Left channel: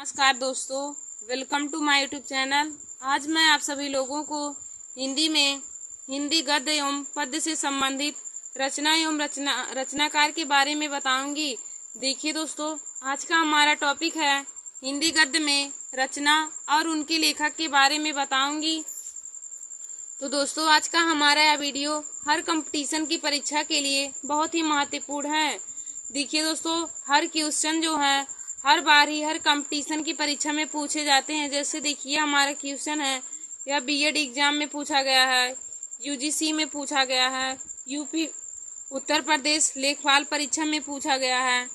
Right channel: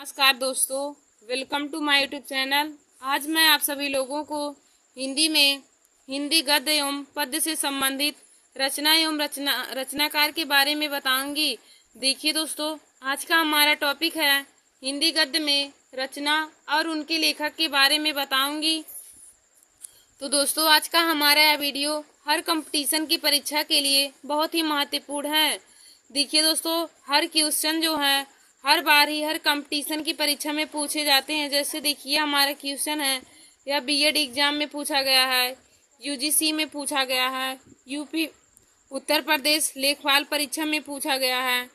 नमस्कार दोस्तों, welcome to my YouTube channel. आज मैं आप सभी लोगों को हिंदी में हिंदी गद्य एवं पद्य से संबंधित रचना एवं रचनाकार के बारे में बताऊंगी। देखिए दोस्तों, आज का हमारा टॉपिक है हिंदी गद्य में रचना और उनके लेखक के बारे में बताऊंगी। तो दोस्तों, आज का हमारा यह वीडियो हर कंपटीशन की परीक्षा के लिए बहुत ही महत्वपूर्ण है। देखिए दोस्तों, हर क्वेश्चन जो है हर बार ही हर कंपटीशन की परीक्षा में पूछे जाते हैं। जैसे देखिए, हमारा क्वेश्चन है यह बीएड एग्जाम में पूछा गया है, यूजीसी में पूछा गया है, यूपी उत्तर प्रदेश लेखपाल परीक्षा में पूछा गया है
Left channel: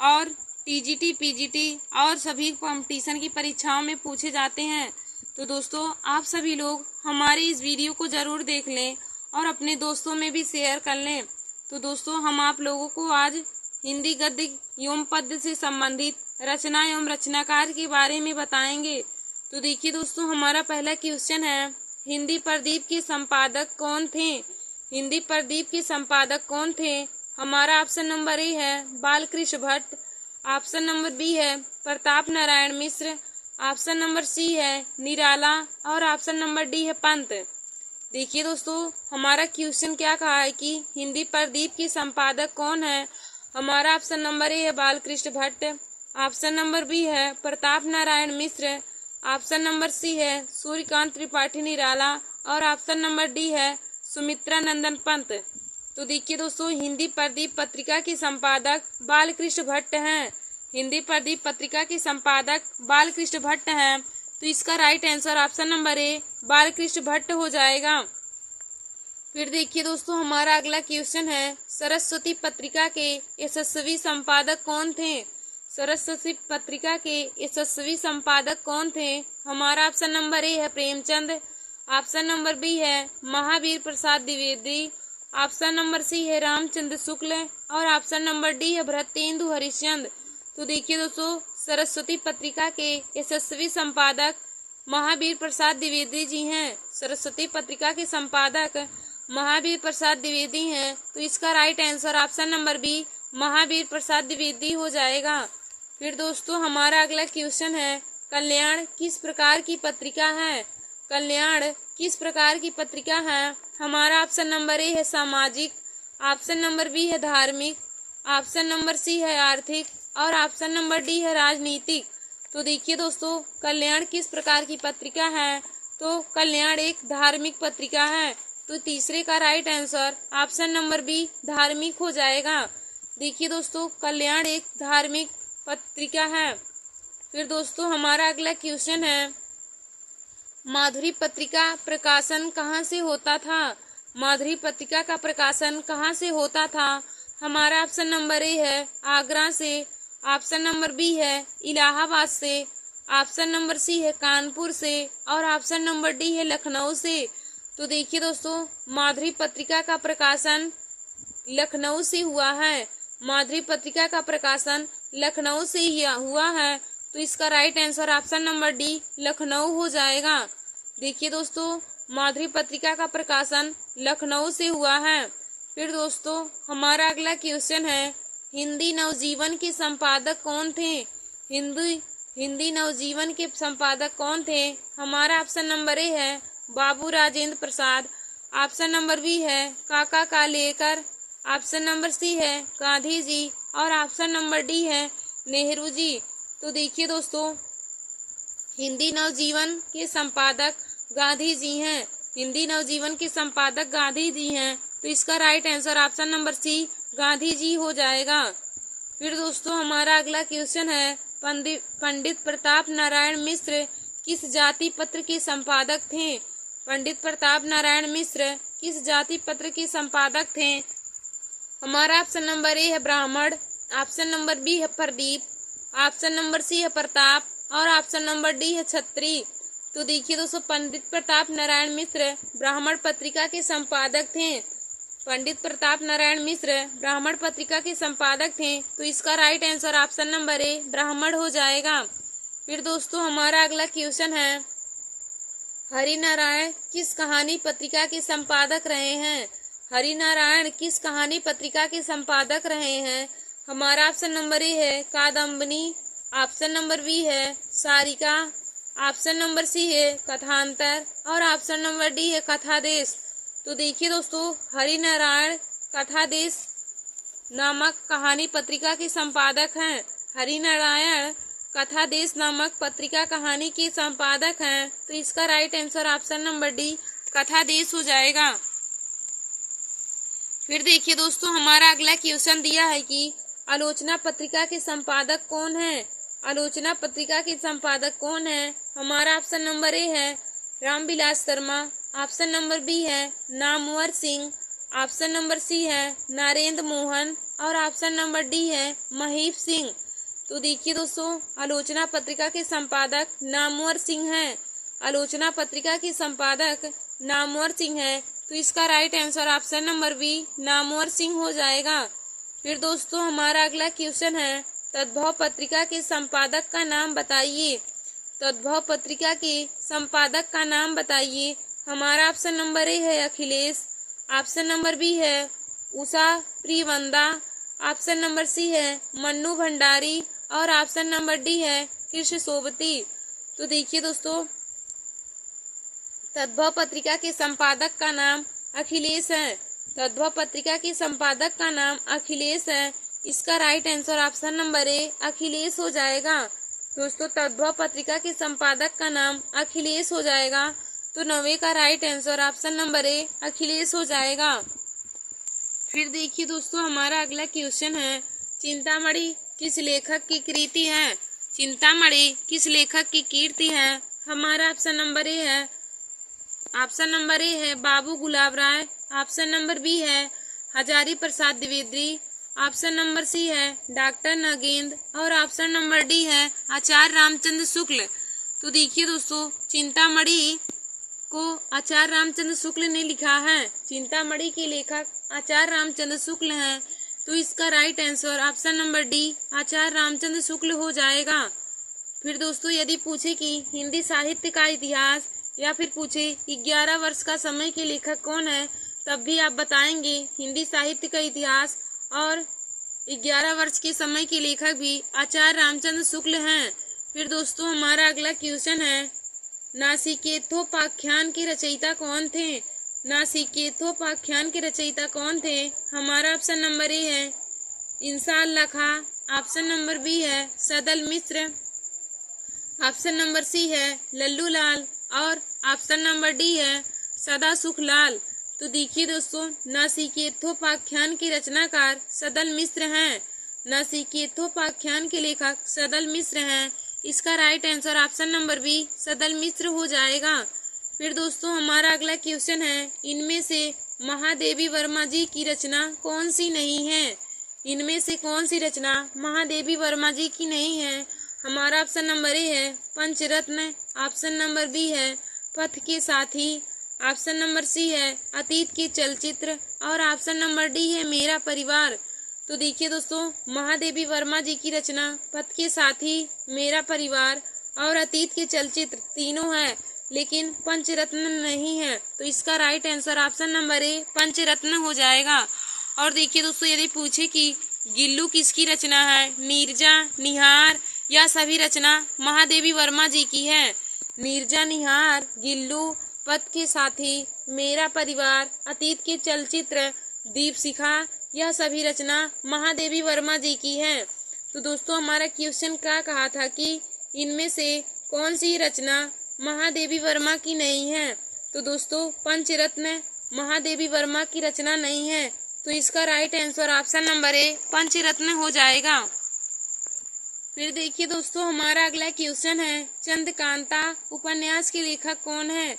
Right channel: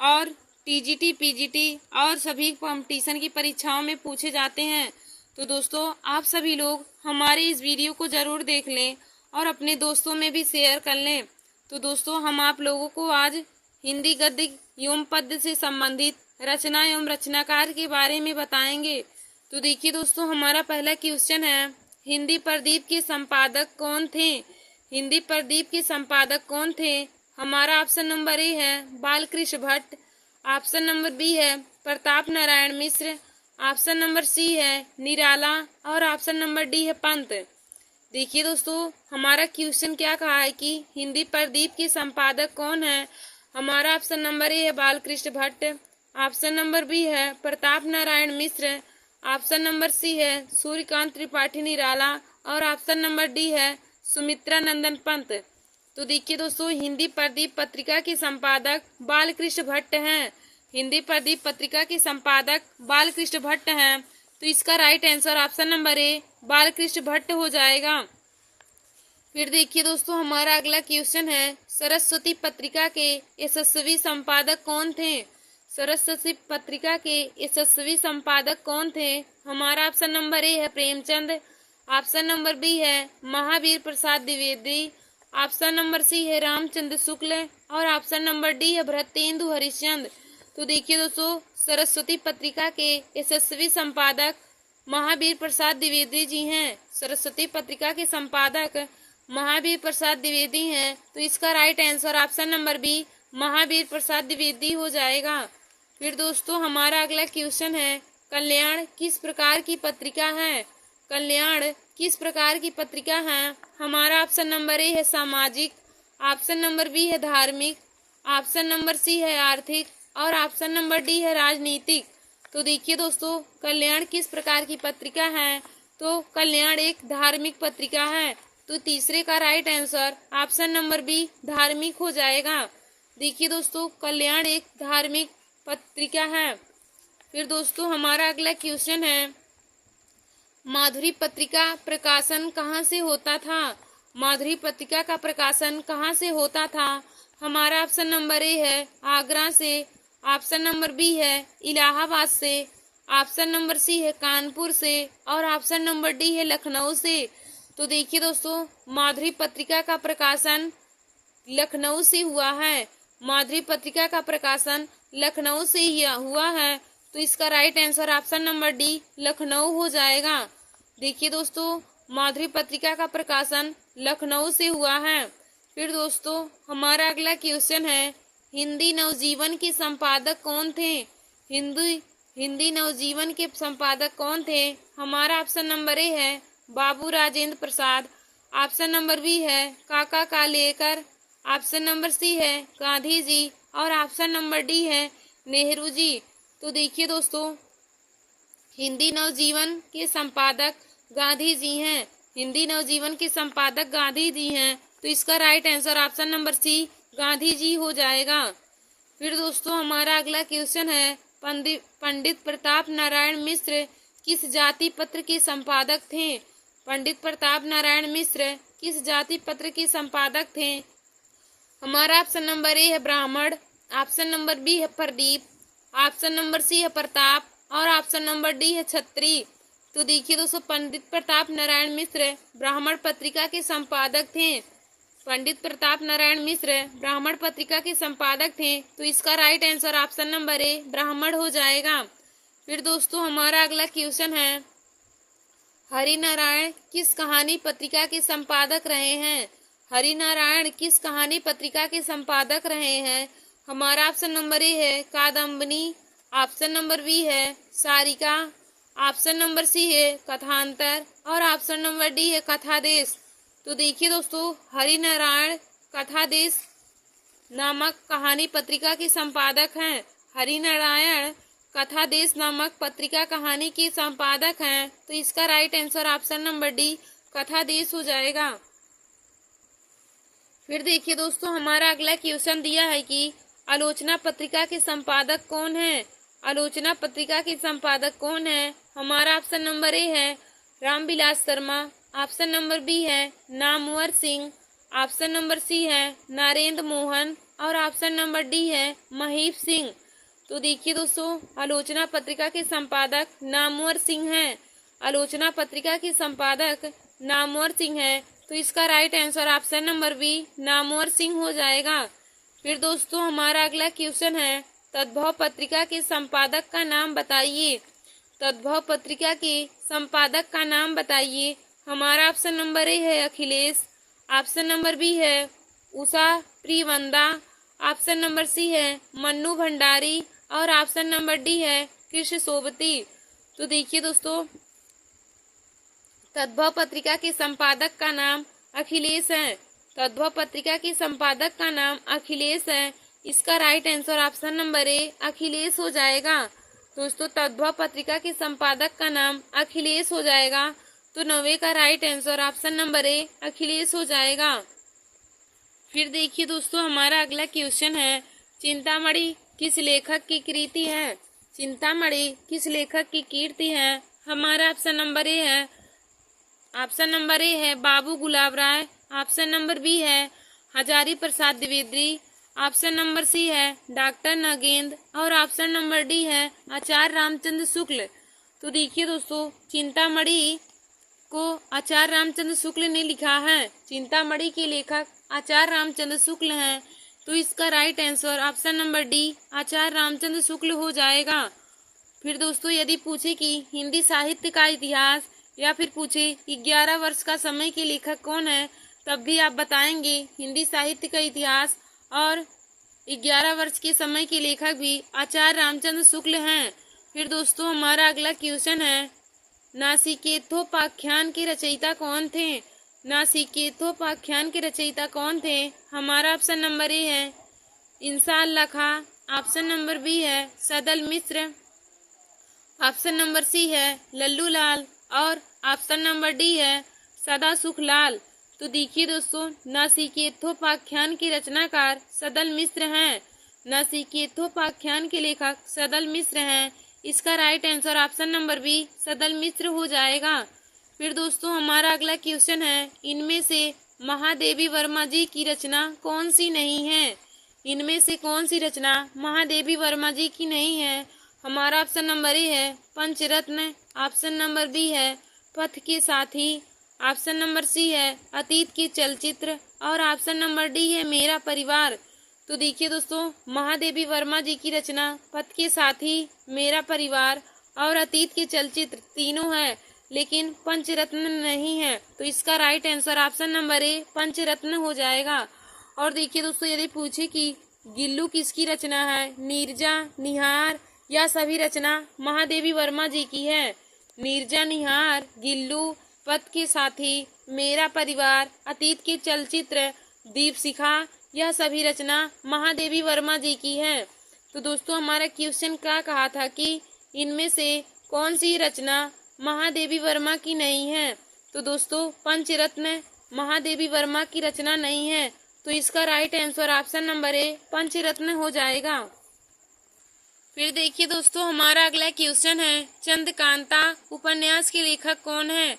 और टीजीटी पीजीटी और सभी कंपटीशन की परीक्षाओं में पूछे जाते हैं। तो दोस्तों, आप सभी लोग हमारे इस वीडियो को जरूर देख लें और अपने दोस्तों में भी शेयर कर लें। तो दोस्तों, हम आप लोगों को आज हिंदी गद्य एवं पद्य से संबंधित रचना एवं रचनाकार के बारे में बताएंगे। तो देखिए दोस्तों, हमारा पहला क्वेश्चन है, हिंदी प्रदीप के संपादक कौन थे? हिंदी प्रदीप के संपादक कौन थे? हमारा ऑप्शन नंबर ए है Balkrishna Bhatt, option number B है Pratap Narayan Mishra, option number C है निराला और ऑप्शन नंबर डी है पंत। देखिए दोस्तों, हमारा क्वेश्चन क्या कहा है कि हिंदी प्रदीप के संपादक कौन है? हमारा ऑप्शन नंबर ए है Balkrishna Bhatt, option number B है Pratap Narayan Mishra, option number C है सूर्यकांत त्रिपाठी निराला और ऑप्शन नंबर डी है सुमित्रा नंदन पंत। तो देखिए दोस्तों, हिंदी प्रदीप पत्रिका के संपादक बालकृष्ण भट्ट हैं। हिंदी प्रदीप पत्रिका के संपादक बालकृष्ण भट्ट हैं। तो इसका राइट आंसर ऑप्शन नंबर ए बालकृष्ण भट्ट हो जाएगा। फिर देखिए दोस्तों, हमारा अगला क्वेश्चन है, सरस्वती पत्रिका के यशस्वी संपादक कौन थे? सरस्वती पत्रिका के यशस्वी संपादक कौन थे? हमारा ऑप्शन नंबर ए है प्रेमचंद, ऑप्शन नंबर बी है Mahavir Prasad Dwivedi, option number C है रामचंद्र शुक्ल और ऑप्शन नंबर डी है भरतेंदु हरिश्चंद्र। तो देखिए दोस्तों, सरस्वती पत्रिका के यशस्वी संपादक महावीर प्रसाद द्विवेदी जी हैं। सरस्वती पत्रिका के संपादक महावीर प्रसाद द्विवेदी हैं। तो इसका right answer option number B Mahavir Prasad Dwivedi हो जाएगा। फिर दोस्तों, हमारा अगला क्वेश्चन है, कल्याण किस प्रकार की पत्रिका है? कल्याण किस प्रकार की पत्रिका है? हमारा ऑप्शन नंबर ए है सामाजिक, ऑप्शन नंबर बी है धार्मिक, ऑप्शन नंबर सी है आर्थिक और ऑप्शन नंबर डी है राजनीतिक। तो देखिए दोस्तों, कल्याण किस प्रकार की पत्रिका है? तो कल्याण एक धार्मिक पत्रिका है। तो तीसरे का right answer option number B धार्मिक हो जाएगा। देखिए दोस्तों, कल्याण एक धार्मिक पत्रिका है। फिर दोस्तों, हमारा अगला क्वेश्चन है, माधुरी पत्रिका प्रकाशन कहाँ से होता था? माधुरी पत्रिका का प्रकाशन कहाँ से होता था? हमारा ऑप्शन नंबर ए है आगरा से, ऑप्शन नंबर बी है इलाहाबाद से, ऑप्शन नंबर सी है कानपुर से और ऑप्शन नंबर डी है लखनऊ से। तो देखिए दोस्तों, माधुरी पत्रिका का प्रकाशन लखनऊ से हुआ है। माधुरी पत्रिका का प्रकाशन लखनऊ से ही हुआ है। तो इसका right answer option number D Lucknow हो जाएगा। देखिए दोस्तों, माधुरी पत्रिका का प्रकाशन लखनऊ से हुआ है। फिर दोस्तों, हमारा अगला क्वेश्चन है, हिंदी नवजीवन के संपादक कौन थे? हिंदी नवजीवन के संपादक कौन थे? हमारा ऑप्शन नंबर ए है बाबू Rajendra Prasad, option number B है काका कालेकर, ऑप्शन नंबर सी है गांधी जी और ऑप्शन नंबर डी है नेहरू जी। तो देखिए दोस्तों, हिंदी नवजीवन के संपादक गांधी जी हैं। हिंदी नवजीवन के संपादक गांधी जी हैं। तो इसका right answer option number C Gandhi ji हो जाएगा। फिर दोस्तों, हमारा अगला क्वेश्चन है, पंडित प्रताप नारायण मिश्र किस जाति पत्र के संपादक थे? पंडित प्रताप नारायण मिश्र किस जाति पत्र के संपादक थे? हमारा ऑप्शन नंबर ए है ब्राह्मण, ऑप्शन नंबर बी है प्रदीप, ऑप्शन नंबर सी है प्रताप और ऑप्शन नंबर डी है छत्री। तो देखिए दोस्तों, पंडित प्रताप नारायण मिश्र ब्राह्मण पत्रिका के संपादक थे। पंडित प्रताप नारायण मिश्र ब्राह्मण पत्रिका के संपादक थे। तो इसका राइट आंसर ऑप्शन नंबर ए ब्राह्मण हो जाएगा। फिर दोस्तों, हमारा अगला क्वेश्चन है, हरिनारायण किस कहानी पत्रिका के संपादक रहे हैं? हरिनारायण किस कहानी पत्रिका के संपादक रहे हैं? हमारा ऑप्शन नंबर ए है कादम्बनी, ऑप्शन नंबर बी है सारिका, ऑप्शन नंबर सी है कथांतर और ऑप्शन नंबर डी है कथादेश। तो देखिए दोस्तों, हरिनारायण कथादेश नामक कहानी पत्रिका के संपादक हैं। हरिनारायण कथादेश नामक पत्रिका कहानी के संपादक हैं। तो इसका right answer option number D Kathadesh हो जाएगा। फिर देखिए दोस्तों, हमारा अगला क्वेश्चन दिया है कि आलोचना पत्रिका के संपादक कौन है। आलोचना पत्रिका के संपादक कौन है। हमारा ऑप्शन नंबर ए है Ramvilas Sharma, option number B है Namvar Singh, option number C है नरेंद्र मोहन और ऑप्शन नंबर डी है महीप सिंह। तो देखिए दोस्तों, आलोचना पत्रिका के संपादक नामवर सिंह हैं। आलोचना पत्रिका के संपादक नामवर सिंह है। तो इसका right answer option number B Namvar Singh हो जाएगा। फिर दोस्तों, हमारा अगला क्वेश्चन है तद्भव पत्रिका के संपादक का नाम बताइए। तद्भव पत्रिका के संपादक का नाम बताइए। हमारा ऑप्शन नंबर ए है अखिलेश, ऑप्शन नंबर बी है Usha Priyamvada, option number C है मन्नू भंडारी और ऑप्शन नंबर डी है कृष्ण सोबती। तो देखिए दोस्तों, तद्भव पत्रिका के संपादक का नाम अखिलेश है। तद्भव पत्रिका के संपादक का नाम अखिलेश है। इसका राइट आंसर ऑप्शन नंबर ए अखिलेश हो जाएगा। दोस्तों, तद्भव पत्रिका के संपादक का नाम अखिलेश हो जाएगा। तो 9वें का राइट आंसर ऑप्शन नंबर ए अखिलेश हो जाएगा। फिर देखिए दोस्तों, हमारा अगला क्वेश्चन है चिंतामणि किस लेखक की कृति है। चिंतामणि किस लेखक की कीर्ति है। हमारा ऑप्शन नंबर ए है बाबू गुलाब राय, ऑप्शन नंबर बी है Hazari Prasad Dwivedi, option number C है डॉक्टर नगेंद्र और ऑप्शन नंबर डी है आचार्य रामचंद्र शुक्ल। तो देखिए दोस्तों, चिंतामणि को आचार्य रामचंद्र शुक्ल ने लिखा है। चिंतामणि के लेखक आचार्य रामचंद्र शुक्ल हैं। तो इसका right answer option number D Acharya Ramchandra Shukla हो जाएगा। फिर दोस्तों, यदि पूछे कि हिंदी साहित्य का इतिहास या फिर पूछे 11 वर्ष का समय के लेखक कौन है, तब भी आप बताएंगे हिंदी साहित्य का इतिहास और 11 वर्ष के समय के लेखक भी आचार्य रामचंद्र शुक्ल हैं। फिर दोस्तों, हमारा अगला क्वेश्चन है नासिकेतोपाख्यान के रचयिता कौन थे। नासिकेतोपाख्यान के रचयिता कौन थे। हमारा ऑप्शन नंबर ए है इंसान लखा, ऑप्शन नंबर बी है सदल मिश्र, ऑप्शन नंबर सी है लल्लू लाल और ऑप्शन नंबर डी है सदा सुख लाल। तो देखिए दोस्तों, नासिकेतोपाख्यान के रचनाकार सदल मिश्र हैं। नासिकेतोपाख्यान के लेखक सदल मिश्र हैं। इसका right answer option number B Sadal Mishra हो जाएगा। फिर दोस्तों, हमारा अगला क्वेश्चन है इनमें से महादेवी वर्मा जी की रचना कौन सी नहीं है। इनमें से कौन सी रचना महादेवी वर्मा जी की नहीं है। हमारा ऑप्शन नंबर ए है पंचरत्न, ऑप्शन नंबर बी है पथ के साथी, ऑप्शन नंबर सी है अतीत के चलचित्र और ऑप्शन नंबर डी है मेरा परिवार। तो देखिए दोस्तों, महादेवी वर्मा जी की रचना पथ के साथी, मेरा परिवार और अतीत के चलचित्र तीनों है, लेकिन पंचरत्न नहीं है। तो इसका right answer option number A Panchratna हो जाएगा। और देखिए दोस्तों, यदि पूछे कि गिल्लू किसकी रचना है, नीरजा, निहार या सभी रचना महादेवी वर्मा जी की है। नीरजा, निहार, गिल्लू, पथ के साथी, मेरा परिवार, अतीत के चलचित्र, दीपशिखा यह सभी रचना महादेवी वर्मा जी की है। तो दोस्तों, हमारा क्वेश्चन क्या कहा था कि इनमें से कौन सी रचना महादेवी वर्मा की नहीं है। तो दोस्तों, पंचरत्न महादेवी वर्मा की रचना नहीं है। तो इसका right answer option number A Panchratna हो जाएगा। फिर देखिए दोस्तों, हमारा अगला क्वेश्चन है चंद्रकांता उपन्यास के लेखक कौन है।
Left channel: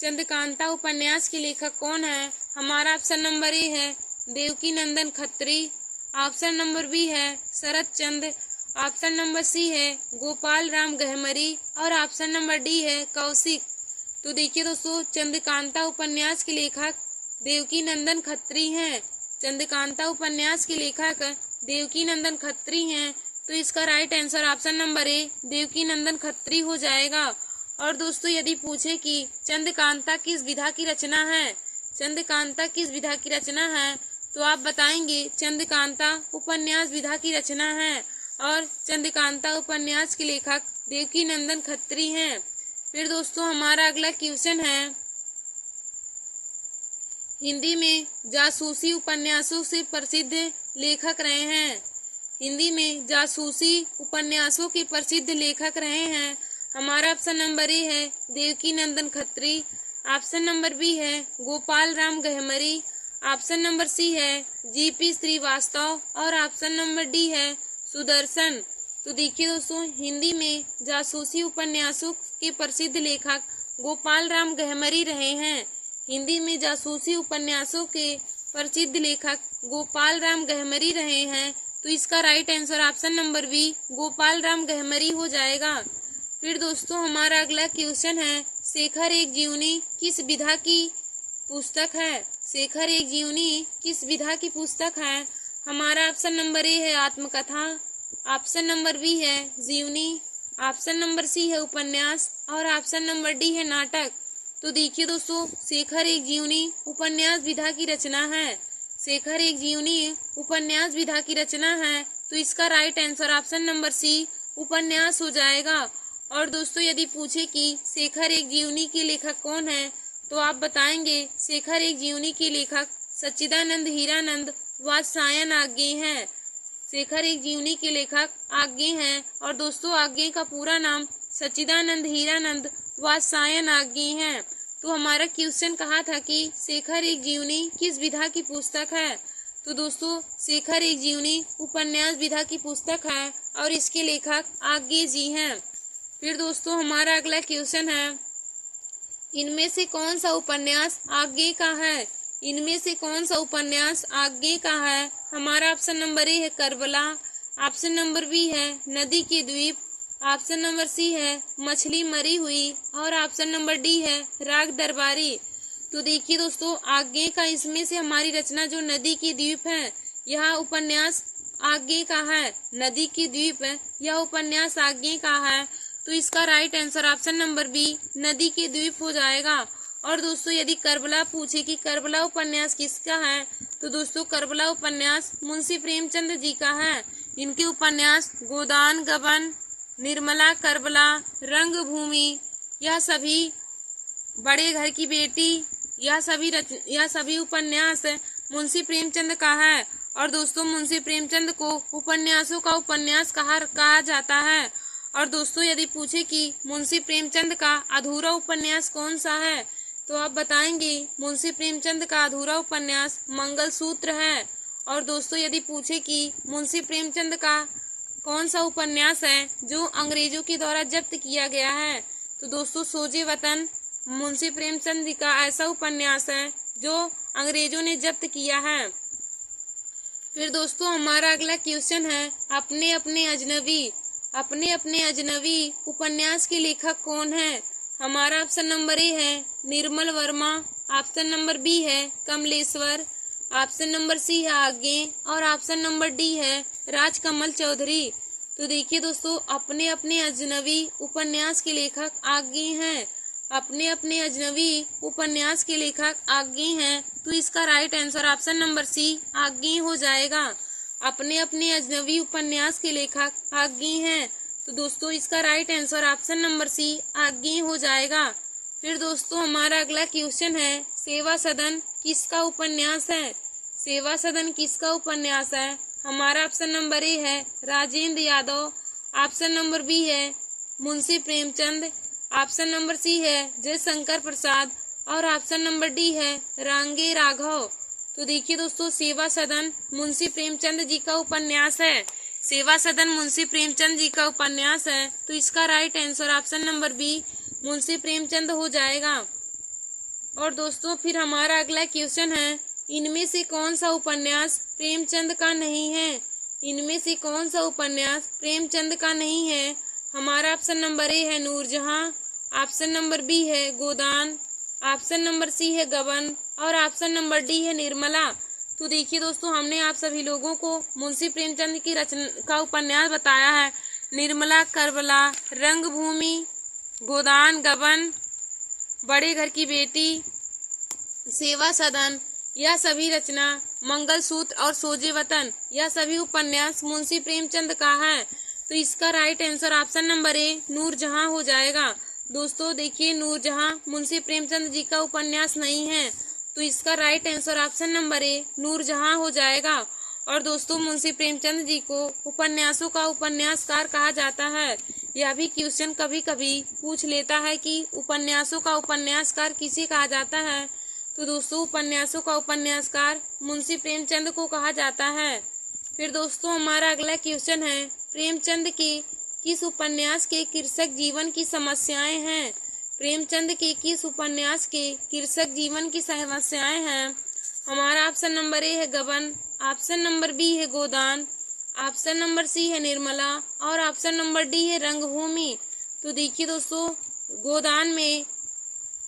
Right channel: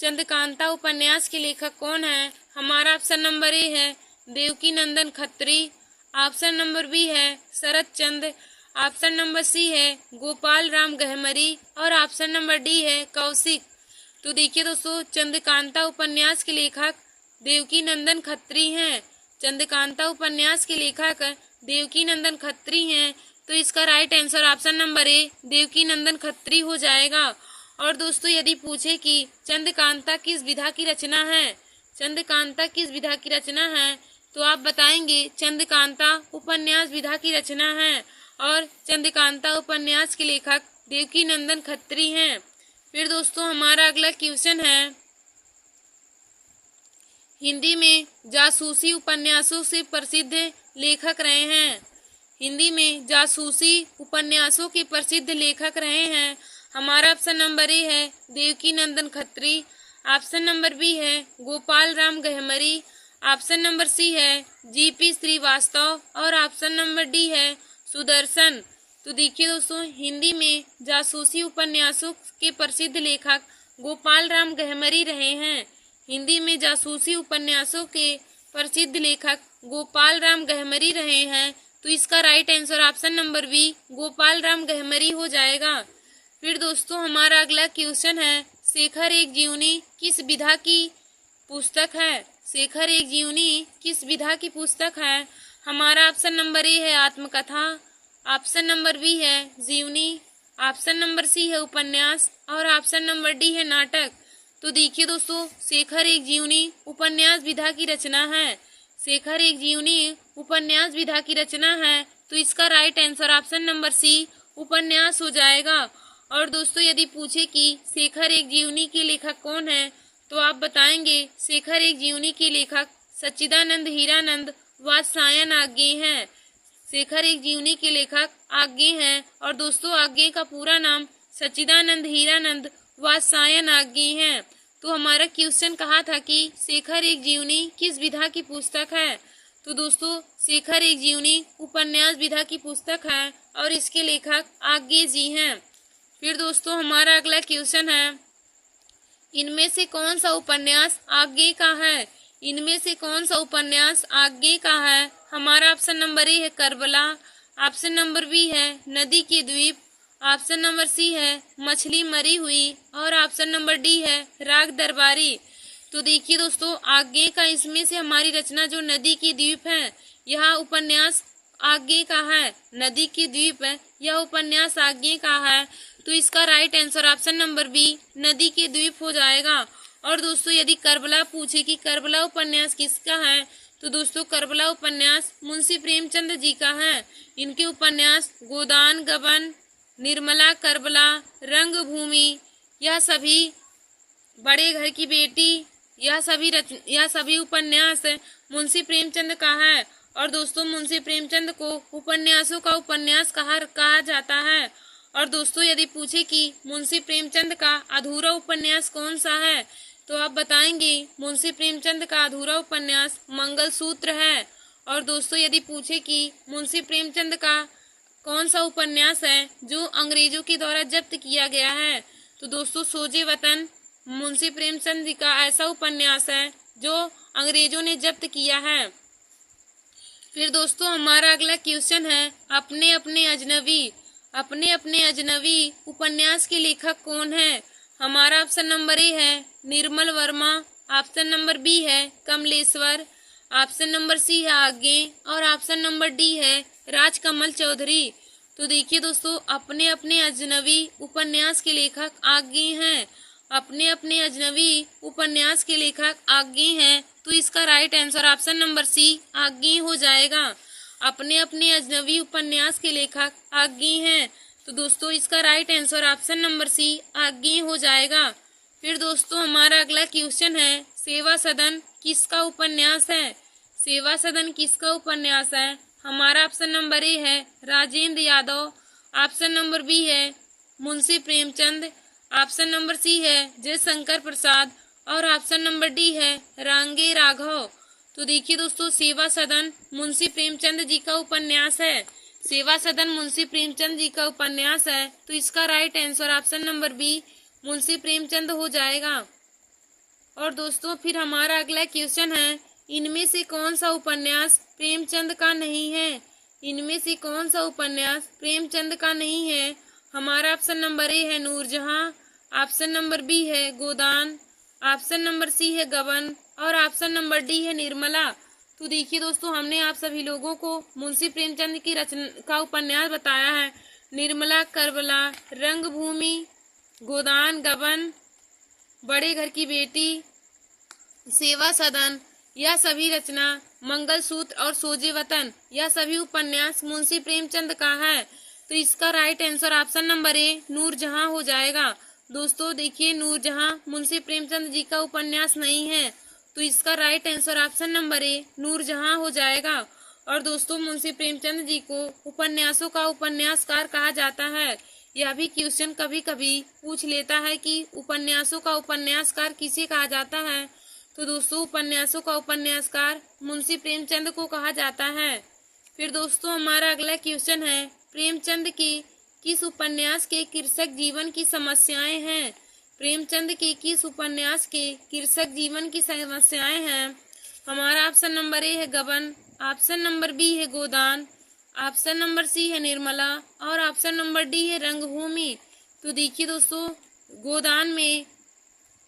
चंद्रकांता उपन्यास के लेखक कौन है। हमारा ऑप्शन नंबर ए है Devaki Nandan Khatri, option number B है शरद चंद्र, ऑप्शन नंबर सी है गोपाल राम गहमरी और ऑप्शन नंबर डी है कौशिक। तो देखिए दोस्तों, चंद्रकांता उपन्यास के लेखक देवकी नंदन खत्री हैं। चंद्रकांता उपन्यास के लेखक देवकी नंदन खत्री हैं। तो इसका right answer option number A Devaki Nandan Khatri हो जाएगा। और दोस्तों, यदि पूछे कि चंद्रकांता किस विधा की रचना है, चंद्रकांता किस विधा की रचना है, तो आप बताएंगे चंद्रकांता उपन्यास विधा की रचना है। और चंद्रकांता उपन्यास के लेखक देवकीनंदन खत्री हैं। फिर दोस्तों हमारा अगला क्वेश्चन है, हिंदी में जासूसी उपन्यासों से प्रसिद्ध लेखक रहे हैं। हिंदी में जासूसी उपन्यासों के प्रसिद्ध लेखक रहे हैं। हमारा ऑप्शन नंबर ए है Devakinandan Khatri, option number B है Gopal Ram Gahmari, option number C है जीपी श्रीवास्तव और ऑप्शन नंबर डी है सुदर्शन। तो देखिए दोस्तों, हिंदी में जासूसी उपन्यासों के प्रसिद्ध लेखक गोपाल राम गहमरी रहे हैं। हिंदी में जासूसी उपन्यासों के प्रसिद्ध लेखक गोपाल राम गहमरी रहे हैं। तो इसका right answer option number B Gopal Ram Gahmari हो जाएगा। फिर दोस्तों हमारा अगला क्वेश्चन है, शेखर एक जीवनी किस विधा की पुस्तक है। शेखर एक जीवनी किस विधा की पुस्तक है। हमारा ऑप्शन नंबर ए है आत्मकथा, ऑप्शन नंबर बी है जीवनी, ऑप्शन नंबर सी है उपन्यास और ऑप्शन नंबर डी है नाटक। तो देखिए दोस्तों, शेखर एक जीवनी उपन्यास विधा की रचना है। शेखर एक जीवनी उपन्यास विधा की रचना है। तो इसका right answer option number C उपन्यास हो जाएगा। और दोस्तों यदि पूछे कि शेखर एक जीवनी के लेखक कौन है, तो आप बताएंगे शेखर एक जीवनी के लेखक सच्चिदानंद हीरानंद वात्स्यायन आज्ञे हैं। शेखर एक जीवनी के लेखक आज्ञे हैं। और दोस्तों आज्ञे का पूरा नाम सच्चिदानंद हीरानंद वात्स्यायन आज्ञे हैं। तो हमारा क्वेश्चन कहा था कि शेखर एक जीवनी किस विधा की पुस्तक है। तो दोस्तों शेखर एक जीवनी उपन्यास विधा की पुस्तक है और इसके लेखक आज्ञे जी हैं। फिर दोस्तों हमारा अगला क्वेश्चन है, इनमें से कौन सा उपन्यास आज्ञे का है। इनमें से कौन सा उपन्यास आज्ञे का है। हमारा ऑप्शन नंबर ए है करबला, ऑप्शन नंबर बी है नदी के द्वीप, ऑप्शन नंबर सी है मछली मरी हुई और ऑप्शन नंबर डी है राग दरबारी। तो देखिए दोस्तों, आज्ञे का इसमें से हमारी रचना जो नदी की द्वीप है, यह उपन्यास आज्ञे का है। नदी की द्वीप है, यह उपन्यास आज्ञे का है। तो इसका right answer option number B Nadi ke द्वीप हो जाएगा। और दोस्तों यदि करबला पूछे कि करबला उपन्यास किसका है, तो दोस्तों करबला उपन्यास मुंशी प्रेमचंद जी का है। इनके उपन्यास गोदान गबन, निर्मला, करबला, रंगभूमि, यह सभी, बड़े घर की बेटी, यह सभी उपन्यास मुंशी प्रेमचंद का है। और दोस्तों मुंशी प्रेमचंद को उपन्यासों का उपन्यास कहा जाता है। और दोस्तों यदि पूछे कि मुंशी प्रेमचंद का अधूरा उपन्यास कौन सा है, तो आप बताएंगे मुंशी प्रेमचंद का अधूरा उपन्यास मंगलसूत्र है। और दोस्तों यदि पूछे कि मुंशी प्रेमचंद का कौन सा उपन्यास है जो अंग्रेजों के द्वारा जब्त किया गया है, तो दोस्तों सोजे वतन मुंशी प्रेमचंद जी का ऐसा उपन्यास है जो अंग्रेजों ने जब्त किया है। फिर दोस्तों हमारा अगला क्वेश्चन है, अपने अपने अजनबी उपन्यास के लेखक कौन है। हमारा ऑप्शन नंबर ए है Nirmal Verma, option number B है कमलेश्वर, ऑप्शन नंबर सी है आज्ञे और ऑप्शन नंबर डी है राजकमल चौधरी। तो देखिए दोस्तों, अपने अपने अजनबी उपन्यास के लेखक आज्ञे हैं। अपने अपने अजनबी उपन्यास के लेखक आज्ञे हैं। तो इसका right answer option number C Agyeya हो जाएगा। अपने अपने अजनबी उपन्यास के लेखक आज्ञे हैं। तो दोस्तों इसका right answer option number C Agyeya हो जाएगा। फिर दोस्तों हमारा अगला क्वेश्चन है, सेवा सदन किसका उपन्यास है। सेवा सदन किसका उपन्यास है। हमारा ऑप्शन नंबर ए है Rajendra Yadav, option number B है Munshi Premchand, option number C है जयशंकर प्रसाद और ऑप्शन नंबर डी है रांगे राघव। तो देखिए दोस्तों, सेवा सदन मुंशी प्रेमचंद जी का उपन्यास है। सेवा सदन मुंशी प्रेमचंद जी का उपन्यास है। तो इसका right answer option number B Munshi Premchand हो जाएगा। और दोस्तों फिर हमारा अगला क्वेश्चन है, इनमें से कौन सा उपन्यास प्रेमचंद का नहीं है। इनमें से कौन सा उपन्यास प्रेमचंद का नहीं है। हमारा ऑप्शन नंबर ए है नूरजहां, ऑप्शन नंबर बी है गोदान, ऑप्शन नंबर सी है गबन और ऑप्शन नंबर डी है निर्मला। तो देखिए दोस्तों, हमने आप सभी लोगों को मुंशी प्रेमचंद की रचना का उपन्यास बताया है। निर्मला, करबला, रंगभूमि, गोदान गबन, बड़े घर की बेटी, सेवा सदन, यह सभी रचना मंगलसूत्र और सोजे वतन, यह सभी उपन्यास मुंशी प्रेमचंद का है। तो इसका right answer option number A Noorjahan हो जाएगा। दोस्तों देखिए, नूरजहां मुंशी प्रेमचंद जी का उपन्यास नहीं है, तो इसका right answer option number A Noorjahan हो जाएगा। और दोस्तों, मुंशी प्रेमचंद जी को उपन्यासों का उपन्यासकार कहा जाता है। यह भी क्वेश्चन कभी कभी पूछ लेता है कि उपन्यासों का उपन्यासकार किसे कहा जाता है। तो दोस्तों, उपन्यासों का उपन्यासकार मुंशी प्रेमचंद को कहा जाता है। फिर दोस्तों, हमारा अगला क्वेश्चन है, प्रेमचंद के किस उपन्यास के कृषक जीवन की समस्याएं हैं। प्रेमचंद के किस उपन्यास के कृषक जीवन की समस्याएं हैं। हमारा ऑप्शन नंबर ए है गबन, ऑप्शन नंबर बी है गोदान, ऑप्शन नंबर सी है निर्मला और ऑप्शन नंबर डी है रंगभूमि। तो देखिए दोस्तों, गोदान में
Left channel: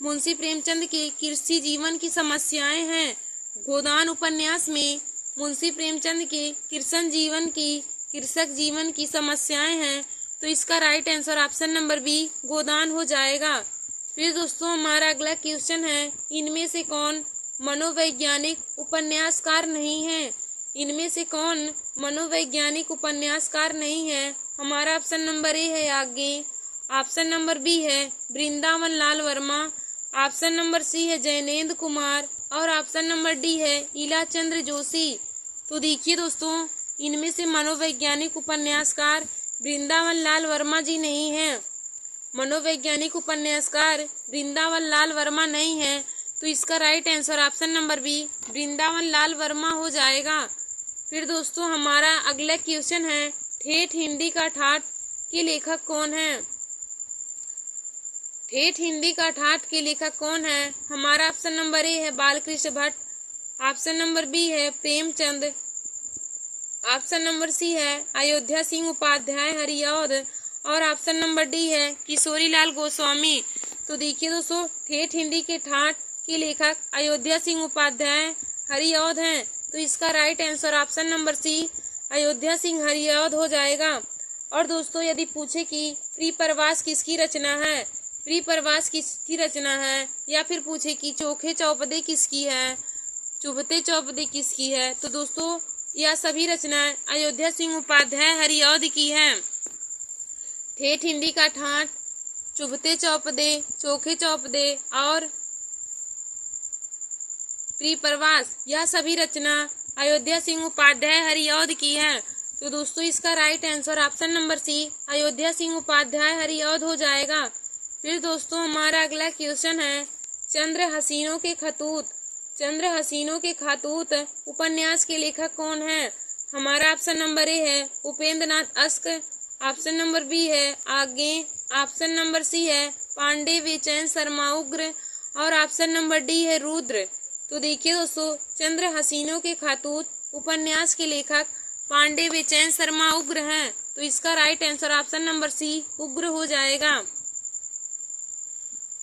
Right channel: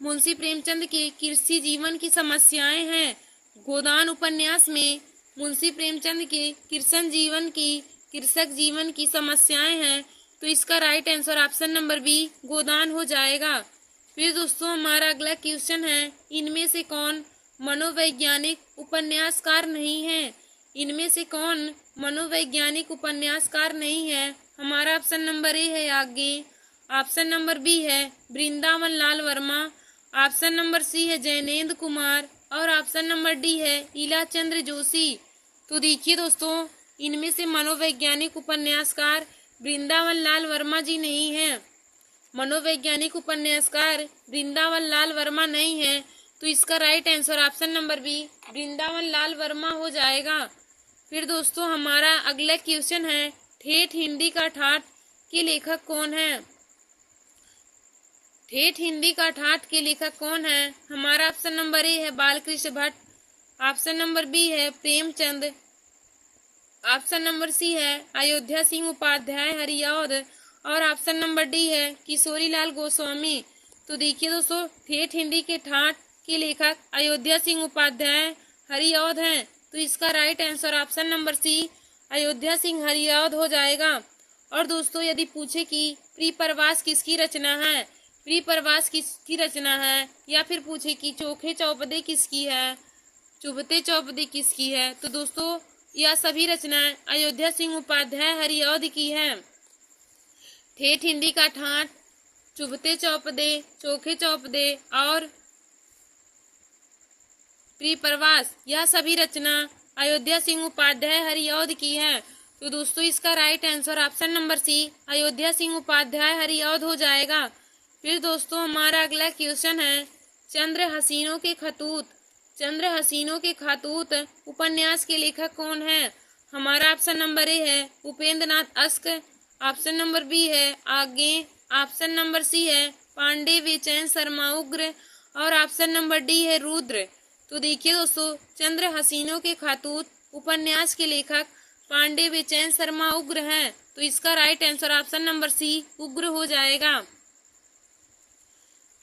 मुंशी प्रेमचंद के कृषि जीवन की समस्याएं हैं। गोदान उपन्यास में मुंशी प्रेमचंद के कृषक जीवन की समस्याएं हैं। तो इसका right answer option number B Godan हो जाएगा। फिर दोस्तों, हमारा अगला क्वेश्चन है, इनमें से कौन मनोवैज्ञानिक उपन्यासकार नहीं है। इनमें से कौन मनोवैज्ञानिक उपन्यासकार नहीं है। हमारा ऑप्शन नंबर ए है याज्ञे, ऑप्शन नंबर बी है Vrindavan Lal Verma, option number C है जैनेन्द्र कुमार और ऑप्शन नंबर डी है इलाचंद्र जोशी। तो देखिए दोस्तों, इनमें से मनोवैज्ञानिक उपन्यासकार वृंदावन लाल वर्मा जी नहीं है। मनोवैज्ञानिक उपन्यासकार वृंदावन लाल वर्मा नहीं है, तो इसका right answer option number B Vrindavan Lal Verma हो जाएगा। फिर दोस्तों, हमारा अगला क्वेश्चन है, ठेठ हिंदी का ठाठ के लेखक कौन है। ठेठ हिंदी का ठाठ के लेखक कौन है। हमारा ऑप्शन नंबर ए है Balkrishna Bhatt, option number B है प्रेमचंद, ऑप्शन नंबर सी है अयोध्या सिंह उपाध्याय हरिऔध और ऑप्शन नंबर डी है किशोरीलाल गोस्वामी। तो देखिए दोस्तों, ठेठ हिंदी के ठाठ के लेखक अयोध्या सिंह उपाध्याय हरिऔध हैं। तो इसका right answer option number C Ayodhya Singh Hariaudh हो जाएगा। और दोस्तों, यदि पूछे कि प्रियप्रवास किसकी रचना है, प्रियप्रवास किसकी रचना है, या फिर पूछे कि चोखे चौपदे किसकी है, चुभते चौपदे किसकी है, तो दोस्तों यह सभी रचनाएं अयोध्या सिंह उपाध्याय हरिऔध की हैं। ठेठ हिंदी का ठाठ, चुभते चौपदे, चोखे चौपदे और प्रियप्रवास, यह सभी रचना अयोध्या सिंह उपाध्याय हरिऔध की है। तो दोस्तों, इसका right answer option number C Ayodhya Singh Upadhyay Hariaudh हो जाएगा। फिर दोस्तों, हमारा अगला क्वेश्चन है, चंद्र हसीनों के खतूत, चंद्र हसीनों के खतूत उपन्यास के लेखक कौन है। हमारा ऑप्शन नंबर ए है उपेंद्र नाथ अश्क, ऑप्शन नंबर बी है आज्ञे, ऑप्शन नंबर सी है पांडे बेचैन शर्मा उग्र और ऑप्शन नंबर डी है रुद्र। तो देखिए दोस्तों, चंद्र हसीनों के खतूत उपन्यास के लेखक पांडे बेचैन शर्मा उग्र हैं। तो इसका right answer option number C Ugra हो जाएगा।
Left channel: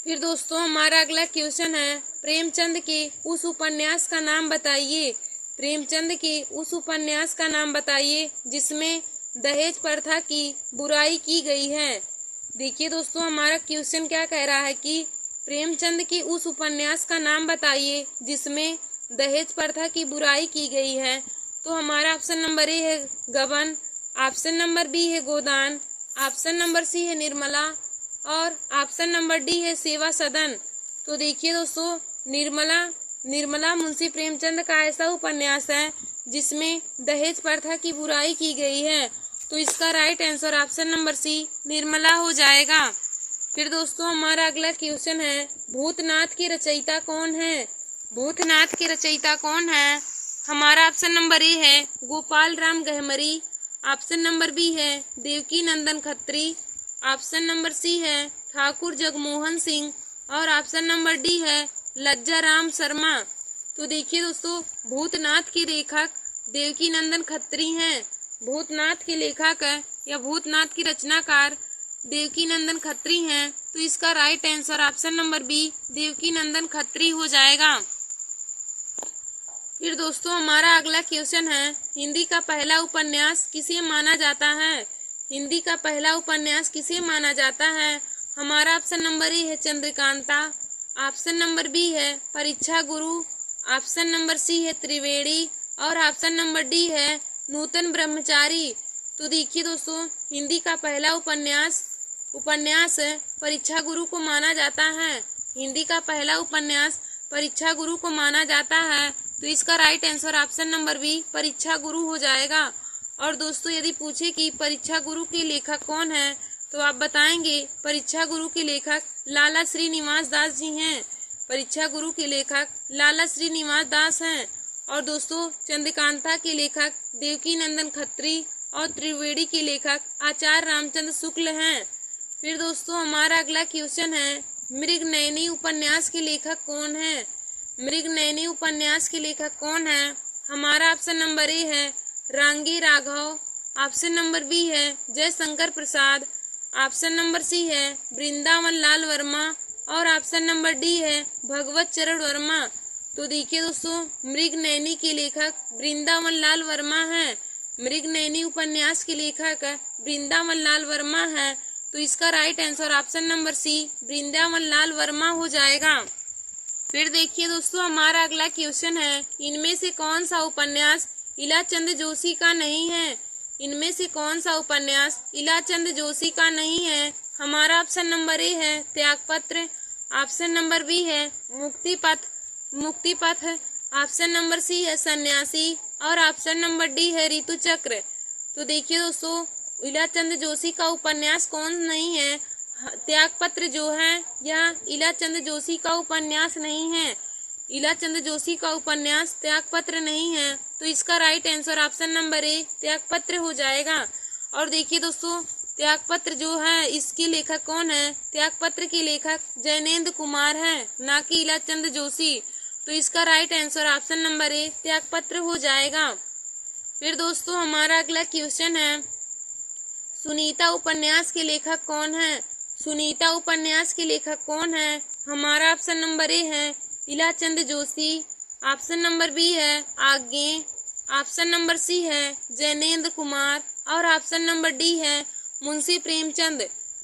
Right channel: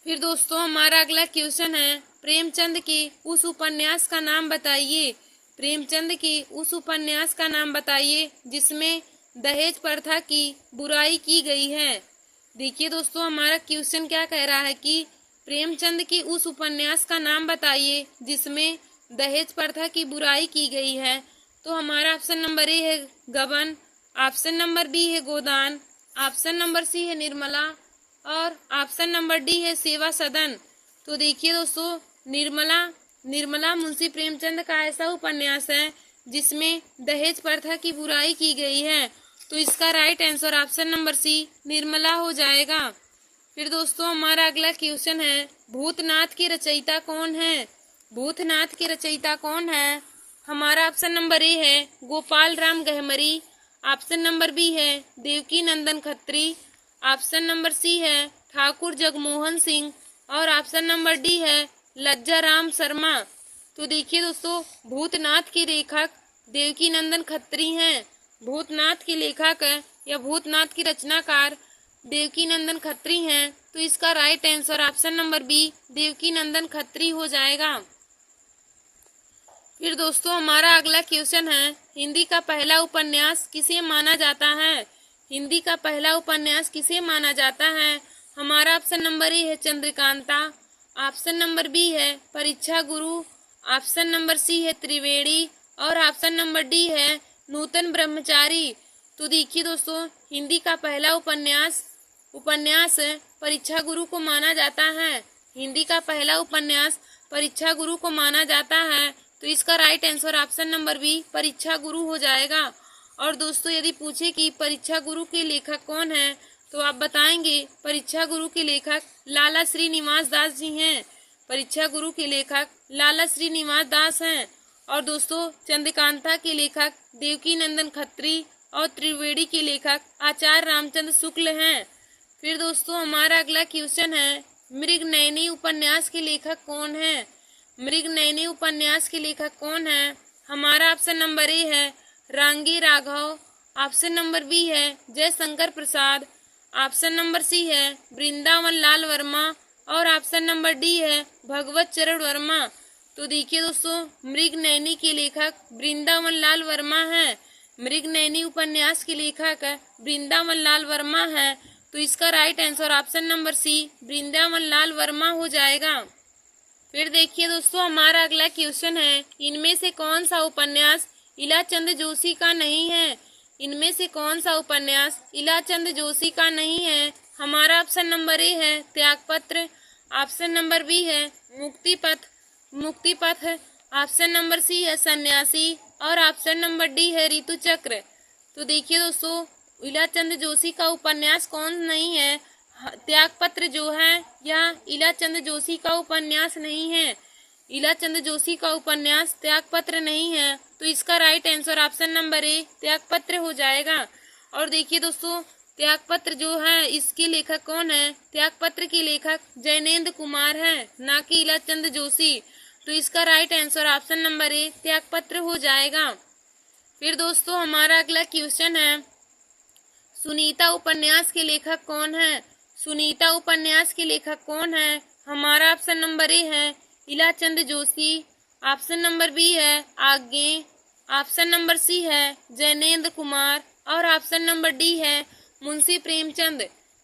फिर दोस्तों, हमारा अगला क्वेश्चन है, प्रेमचंद के उस उपन्यास का नाम बताइए। प्रेमचंद के उस उपन्यास का नाम बताइए जिसमें दहेज प्रथा की बुराई की गई है। देखिए दोस्तों, हमारा क्वेश्चन क्या कह रहा है कि प्रेमचंद के उस उपन्यास का नाम बताइए जिसमें दहेज प्रथा की बुराई की गई है। तो हमारा ऑप्शन नंबर ए है गबन, ऑप्शन नंबर बी है गोदान, ऑप्शन नंबर सी है निर्मला और ऑप्शन नंबर डी है सेवा सदन। तो देखिए दोस्तों, निर्मला मुंशी प्रेमचंद का ऐसा उपन्यास है जिसमें दहेज प्रथा की बुराई की गई है। तो इसका right answer option number C Nirmala हो जाएगा। फिर दोस्तों, हमारा अगला क्वेश्चन है, भूतनाथ के रचयिता कौन है। भूतनाथ के रचयिता कौन है। हमारा ऑप्शन नंबर ए है Gopal Ram Gahmari, option number B है Devaki Nandan Khatri, option number C है ठाकुर जगमोहन सिंह और ऑप्शन नंबर डी है लज्जा राम शर्मा। तो देखिए दोस्तों, भूतनाथ के लेखक देवकी नंदन खत्री हैं। भूतनाथ के लेखक या भूतनाथ की रचनाकार देवकी नंदन खत्री हैं। तो इसका right answer option number B Devaki Nandan Khatri हो जाएगा। फिर दोस्तों, हमारा अगला क्वेश्चन है, हिंदी का पहला उपन्यास किसे माना जाता है। हिंदी का पहला उपन्यास किसे माना जाता है। हमारा ऑप्शन नंबर ए है चंद्रकांता, ऑप्शन नंबर बी है परीक्षा गुरु, ऑप्शन नंबर सी है त्रिवेणी और ऑप्शन नंबर डी है नूतन ब्रह्मचारी। तो देखिए दोस्तों, हिंदी का पहला उपन्यास परीक्षा गुरु को माना जाता है। हिंदी का पहला उपन्यास परीक्षा गुरु को माना जाता है। तो इसका right answer option number B Pariksha Guru हो जाएगा। और दोस्तों, यदि पूछे कि परीक्षा गुरु के लेखक कौन है, तो आप बताएंगे परीक्षा गुरु के लेखक लाला श्रीनिवास दास जी हैं। परीक्षा गुरु के लेखक लाला श्रीनिवास दास हैं। और दोस्तों, चंद्रकांता के लेखक देवकी नंदन खत्री और त्रिवेणी के लेखक आचार्य रामचंद्र शुक्ल हैं। फिर दोस्तों, हमारा अगला क्वेश्चन है, मृगनयनी उपन्यास के लेखक कौन है? मृगनयनी उपन्यास के लेखक कौन है? हमारा ऑप्शन नंबर ए है रांगे राघव, ऑप्शन नंबर बी है जयशंकर प्रसाद, ऑप्शन नंबर सी है वृंदावन लाल वर्मा और ऑप्शन नंबर डी है भगवत चरण वर्मा। तो देखिए दोस्तों, मृगनयनी के लेखक वृंदावन लाल वर्मा है। मृगनयनी उपन्यास के लेखक वृंदावन लाल वर्मा है। तो इसका right answer option number C Vrindavan Lal Verma हो जाएगा। फिर देखिए दोस्तों, हमारा अगला क्वेश्चन है, इनमें से कौन सा उपन्यास इलाचंद जोशी का नहीं है? इनमें से कौन सा उपन्यास इलाचंद जोशी का नहीं है? हमारा ऑप्शन नंबर ए है त्यागपत्र, ऑप्शन नंबर बी है मुक्तिपथ, ऑप्शन नंबर सी है सन्यासी और ऑप्शन नंबर डी है ऋतु चक्र। तो देखिए दोस्तों, इलाचंद जोशी का उपन्यास कौन नहीं है? त्यागपत्र जो है यह इलाचंद जोशी का उपन्यास नहीं है। इलाचंद जोशी का उपन्यास त्यागपत्र नहीं है। तो इसका राइट आंसर ऑप्शन नंबर ए त्यागपत्र हो जाएगा। और देखिए दोस्तों, त्यागपत्र जो है इसके लेखक कौन है? त्यागपत्र के लेखक जैनेन्द्र कुमार है, ना कि इलाचंद जोशी। तो इसका राइट आंसर ऑप्शन नंबर ए त्यागपत्र हो जाएगा। फिर दोस्तों, हमारा अगला क्वेश्चन है, सुनीता उपन्यास के लेखक कौन है? सुनीता उपन्यास के लेखक कौन है? हमारा ऑप्शन नंबर ए है Ilachand Joshi, option number B है आज्ञे, ऑप्शन नंबर सी है जैनेन्द्र कुमार और ऑप्शन नंबर डी है मुंशी प्रेमचंद।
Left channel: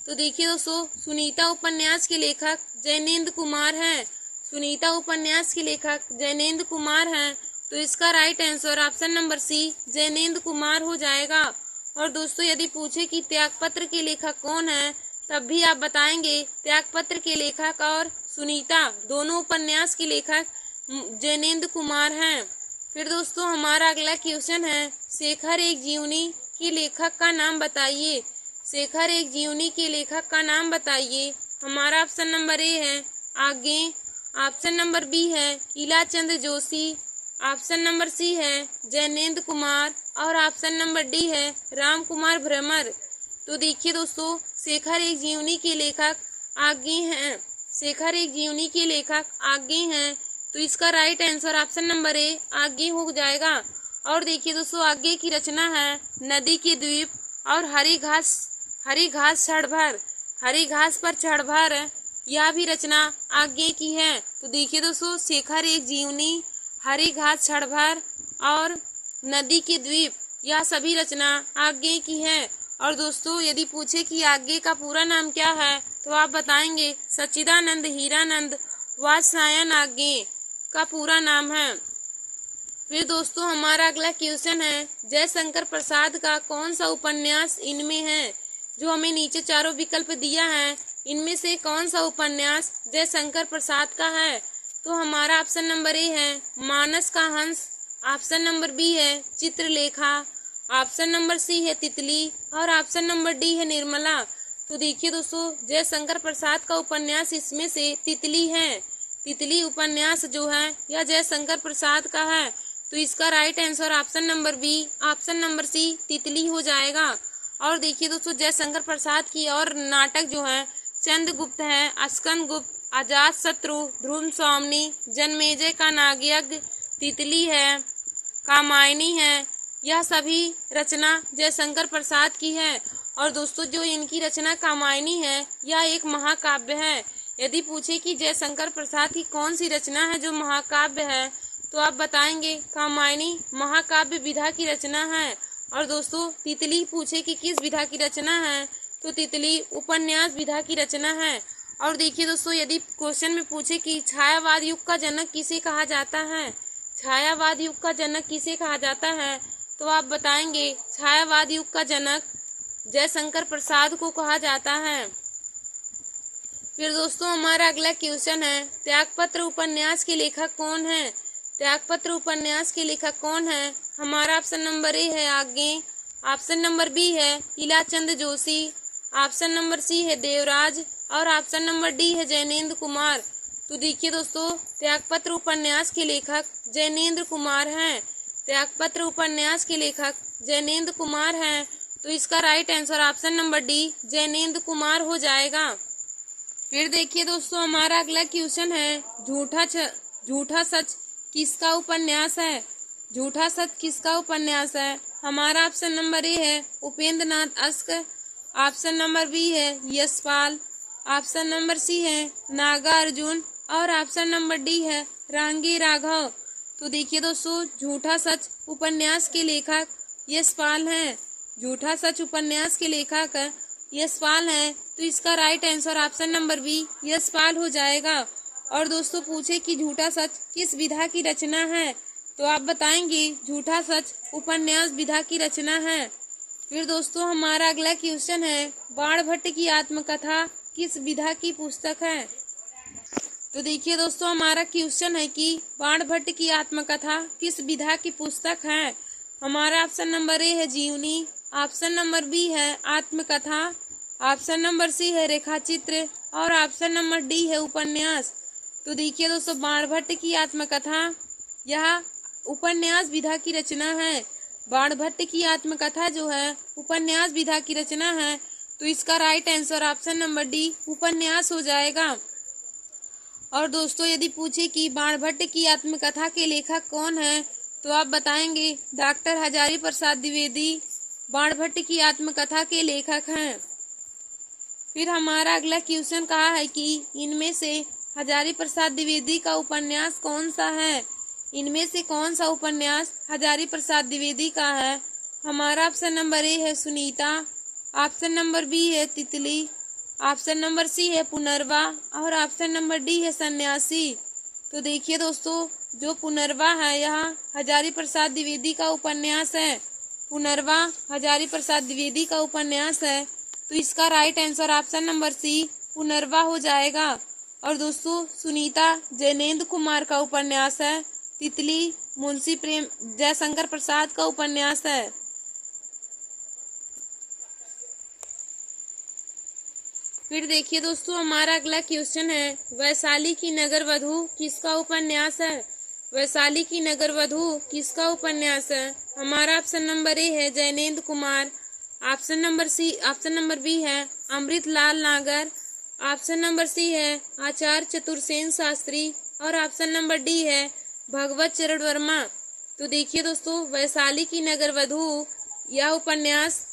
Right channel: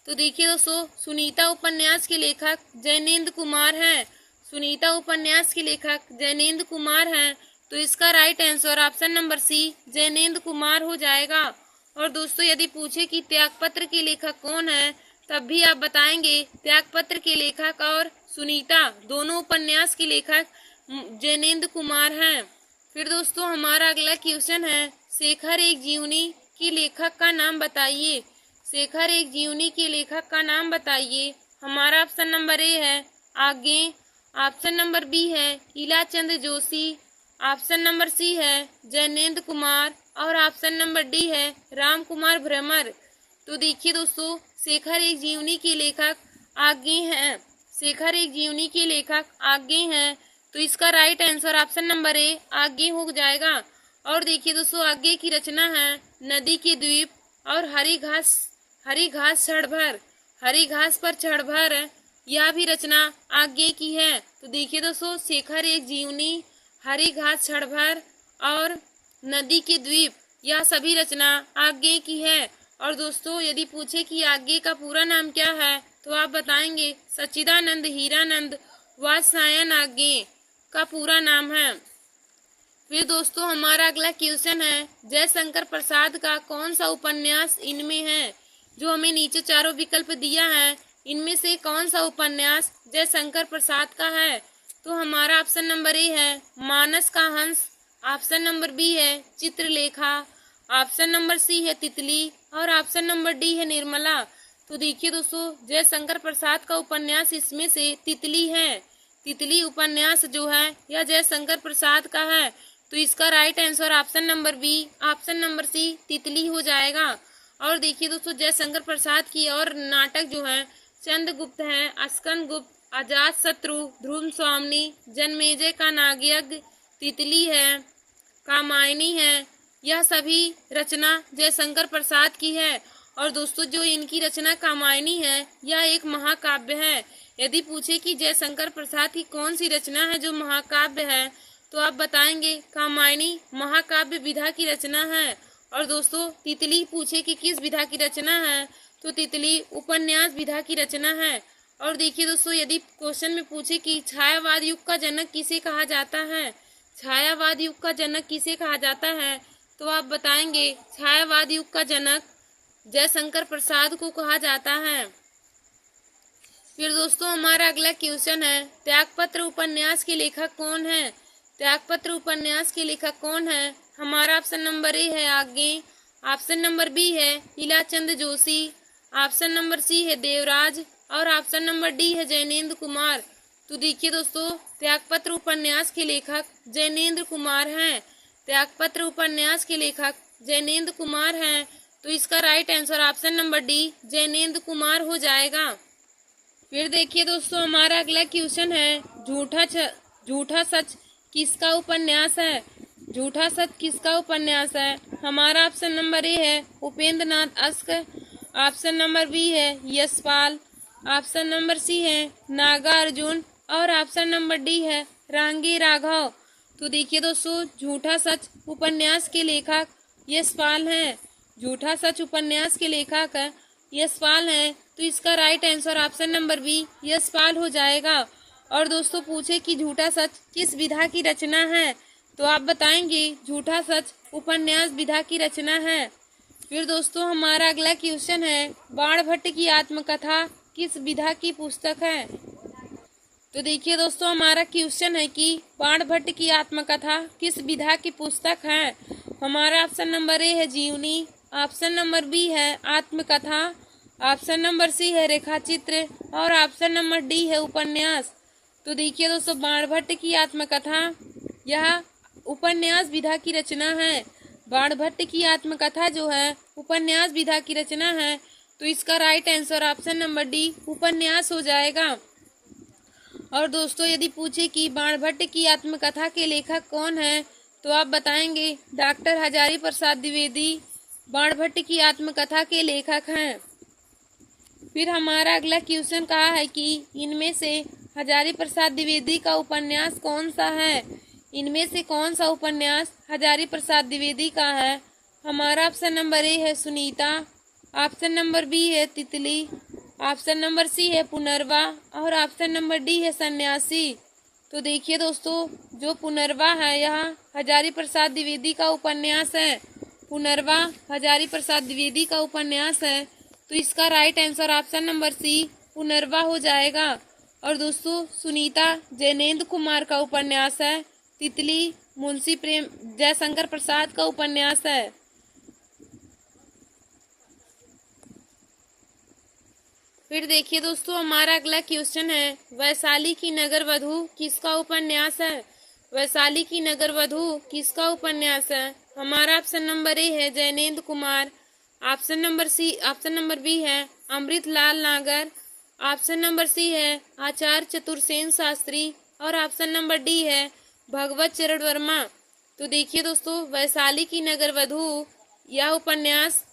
तो देखिए दोस्तों, सुनीता उपन्यास के लेखक जैनेन्द्र कुमार है। सुनीता उपन्यास के लेखक जैनेन्द्र कुमार हैं। तो इसका right answer option number C Jainendra Kumar हो जाएगा। और दोस्तों, यदि पूछे कि त्यागपत्र के लेखक कौन है, तब भी आप बताएंगे त्यागपत्र के लेखक और सुनीता दोनों उपन्यास के लेखक जैनेन्द्र कुमार हैं। फिर दोस्तों, हमारा अगला क्वेश्चन है, शेखर एक जीवनी के लेखक का नाम बताइए। शेखर एक जीवनी के लेखक का नाम बताइए। हमारा ऑप्शन नंबर ए है आज्ञे, ऑप्शन नंबर बी है Ilachand Joshi, option number C है जैनेन्द्र कुमार और ऑप्शन नंबर डी है राम कुमार भ्रमर। तो देखिए दोस्तों, शेखर एक जीवनी के लेखक आज्ञे हैं। शेखर एक जीवनी के लेखक आज्ञे हैं। तो इसका right answer option number A Agyeya हो जाएगा। और देखिए दोस्तों, आज्ञे की रचना है नदी के द्वीप और हरी घास क्षणभर, हरी घास पर क्षणभर, यह भी रचना आज्ञे की है। तो देखिए दोस्तों, शेखर एक जीवनी, हरी घास क्षणभर और नदी के द्वीप, यह सभी रचना आज्ञे की है। और दोस्तों, यदि पूछे कि आज्ञे का पूरा नाम क्या है, तो आप बताएंगे सच्चिदानंद हीरानंद वात्स्यायन आज्ञे का पूरा नाम है। फिर दोस्तों, हमारा अगला क्वेश्चन है, जयशंकर प्रसाद का कौन सा उपन्यास इनमें है? जो हमें नीचे चारों विकल्प दिया है, इनमें से कौन सा उपन्यास जयशंकर प्रसाद का है? तो हमारा ऑप्शन नंबर ए है मानस का हंस, ऑप्शन नंबर बी है चित्रलेखा, ऑप्शन नंबर सी है तितली और ऑप्शन नंबर डी है निर्मला। तो देखिए दोस्तों, जयशंकर प्रसाद का उपन्यास इसमें से तितली है। तितली उपन्यास जो है यह जयशंकर प्रसाद का है। तो इसका right answer option number B, option number C Titli हो जाएगा। और देखिए दोस्तों, जयशंकर प्रसाद की और नाटक जो है चंद्रगुप्त है, अस्कंद गुप्त, अजात शत्रु, ध्रुव स्वामिनी, जन्मेजय का नागयज्ञ, तितली है, कामायनी है, यह सभी रचना जयशंकर प्रसाद की है। और दोस्तों, जो इनकी रचना कामायनी है, यह एक महाकाव्य है। यदि पूछे कि जयशंकर प्रसाद की कौन सी रचना है जो महाकाव्य है, तो आप बताएंगे कामायनी महाकाव्य विधा की रचना है। और दोस्तों, तितली पूछे कि किस विधा की रचना है, तो तितली उपन्यास विधा की रचना है। और देखिए दोस्तों, यदि क्वेश्चन में पूछे कि छायावाद युग का जनक किसे कहा जाता है, छायावाद युग का जनक किसे कहा जाता है? तो आप बताएंगे छायावाद युग का जनक जयशंकर प्रसाद को कहा जाता है। फिर दोस्तों हमारा अगला क्वेश्चन है, त्यागपत्र उपन्यास के लेखक कौन है? त्यागपत्र उपन्यास के लेखक कौन है? हमारा ऑप्शन नंबर ए है आगे, ऑप्शन नंबर बी है लीलाचंद जोशी, ऑप्शन नंबर सी है देवराज और ऑप्शन नंबर डी है जैनेन्द्र कुमार। तो देखिए दोस्तों, त्यागपत्र उपन्यास के लेखक जैनेन्द्र कुमार हैं। त्यागपत्र उपन्यास के लेखक जैनेन्द्र कुमार हैं। तो इसका right answer option number D Jainendra Kumar हो जाएगा। फिर देखिए दोस्तों हमारा अगला क्वेश्चन है, झूठा सच किसका उपन्यास है? झूठा सच किसका उपन्यास है? हमारा ऑप्शन नंबर ए है उपेंद्र नाथ अश्क, ऑप्शन नंबर बी है यशपाल, ऑप्शन नंबर सी है नागार्जुन और ऑप्शन नंबर डी है रांगी राघव। तो देखिए दोस्तों, झूठा सच उपन्यास के लेखक यशपाल हैं। झूठा सच उपन्यास के लेखक यशपाल हैं। तो इसका right answer option number B Yashpal हो जाएगा। और दोस्तों पूछे कि झूठा सच किस विधा की रचना है? तो आप बताएंगे झूठा सच उपन्यास विधा की रचना है। फिर दोस्तों हमारा अगला क्वेश्चन है, बाणभट्ट की आत्मकथा किस विधा की पुस्तक है? तो देखिए दोस्तों हमारा क्वेश्चन है कि बाणभट्ट की आत्मकथा किस विधा की पुस्तक है? हमारा ऑप्शन नंबर ए है जीवनी, ऑप्शन नंबर बी है आत्मकथा, ऑप्शन नंबर सी है रेखाचित्र और ऑप्शन नंबर डी है उपन्यास। तो देखिए दोस्तों, बाणभट्ट की आत्मकथा यह उपन्यास विधा की रचना है। बाणभट्ट की आत्मकथा जो है उपन्यास विधा की रचना है। तो इसका right answer option number D उपन्यास हो जाएगा। और दोस्तों यदि पूछे कि बाणभट्ट की आत्मकथा के लेखक कौन है? तो आप बताएंगे डॉक्टर हजारी प्रसाद द्विवेदी बाणभट्ट की आत्मकथा के लेखक हैं। फिर हमारा अगला क्वेश्चन कहा है कि इनमें से हजारी प्रसाद द्विवेदी का उपन्यास कौन सा है? इनमें से कौन सा उपन्यास हजारी प्रसाद द्विवेदी का है? हमारा ऑप्शन नंबर ए है सुनीता, ऑप्शन नंबर बी है तितली, ऑप्शन नंबर सी है पुनर्वा और ऑप्शन नंबर डी है सन्यासी। तो देखिए दोस्तों, जो पुनर्वा है यह हजारी प्रसाद द्विवेदी का उपन्यास है। पुनर्वा हजारी प्रसाद द्विवेदी का उपन्यास है। तो इसका right answer option number C Punarnava हो जाएगा। और दोस्तों सुनीता जैनेन्द्र कुमार का उपन्यास है। तितली मुंशी प्रेम जयशंकर प्रसाद का उपन्यास है। फिर देखिए दोस्तों हमारा अगला क्वेश्चन है, वैशाली की नगर वधू किसका उपन्यास है? वैशाली की नगर वधू किसका उपन्यास है? हमारा ऑप्शन नंबर ए है Jainendra Kumar, option number B है अमृतलाल नागर, ऑप्शन नंबर सी है आचार्य चतुर्सेन शास्त्री और ऑप्शन नंबर डी है भगवत चरण वर्मा। तो देखिए दोस्तों, वैशाली की नगर वधू यह उपन्यास